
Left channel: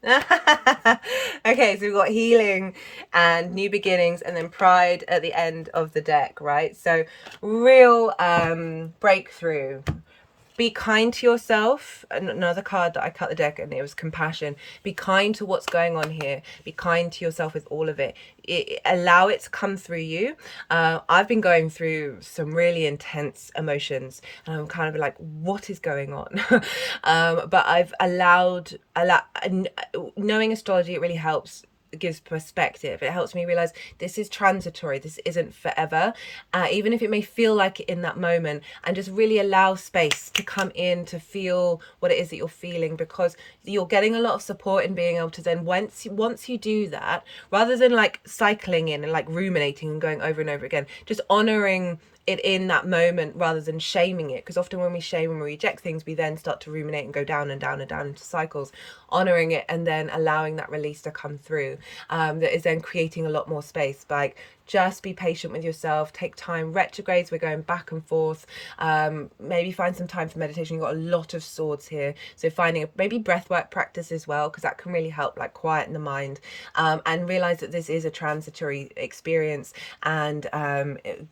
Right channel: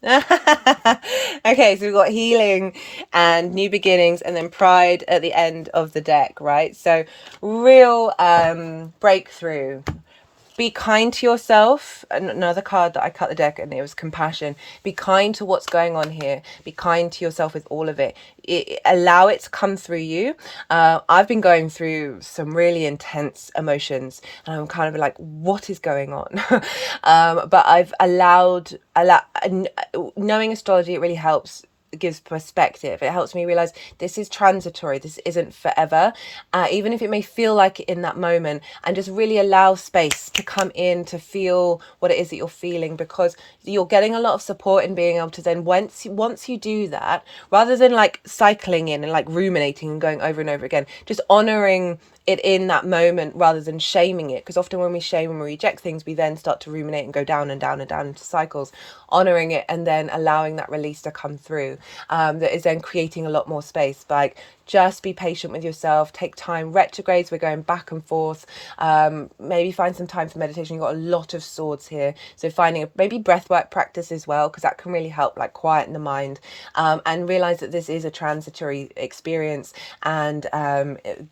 Okay, so we've got healing and new beginnings, and then pride at the end of the deck, right? So real breakthrough. Be kind to yourself. Another card that I cut the deck, and it was compassion. Be kind to what's going on here. Be kind to yourself with all of it. Allow it to come through you. I've been going through some really intense emotions, and I'm kind of like, what is going on? But I've allowed, knowing astrology, it really helps. It gives perspective. It helps me realize this is transitory. This isn't forever, even if it may feel like it in that moment, and just really allow space to come in to feel what it is that you're feeling, because you're getting a lot of support in being able to then, once you do that, rather than like cycling in and like ruminating and going over and over again, just honoring it in that moment rather than shaming it, because often when we shame and we reject things, we then start to ruminate and go down and down and down into cycles. Honoring it and then allowing that release to come through, that is then creating a lot more space. Like, just be patient with yourself, take time. Retrogrades, we're going back and forth. Maybe find some time for meditation. You've got a lot of swords here, so finding maybe breathwork practice as well, because that can really help like quieten the mind, and realize that this is a transitory experience, and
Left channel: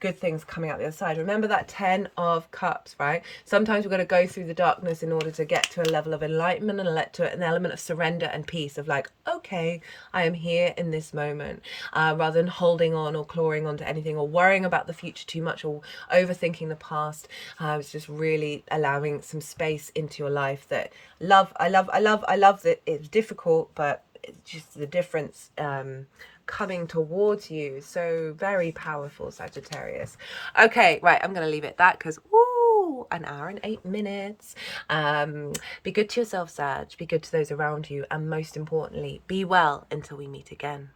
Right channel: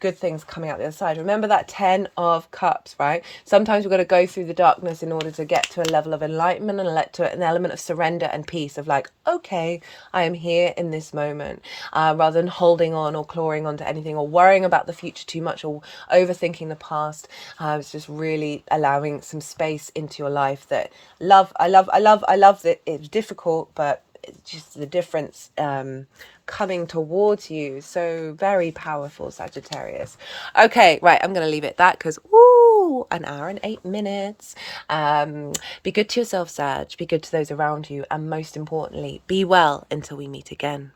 good things coming out the other side. Remember that 10 of cups, right? Sometimes we've got to go through the darkness in order to get to a level of enlightenment, and let to an element of surrender and peace, of like, okay, I am here in this moment, rather than holding on or clawing onto anything, or worrying about the future too much, or overthinking the past. It's just really allowing some space into your life. That I love that it's difficult, but it's just the difference coming towards you. So very powerful, Sagittarius. Okay, right, I'm gonna leave it at that, because an hour and 8 minutes. Be good to yourself, Sag. Be good to those around you, and most importantly, be well until we meet again.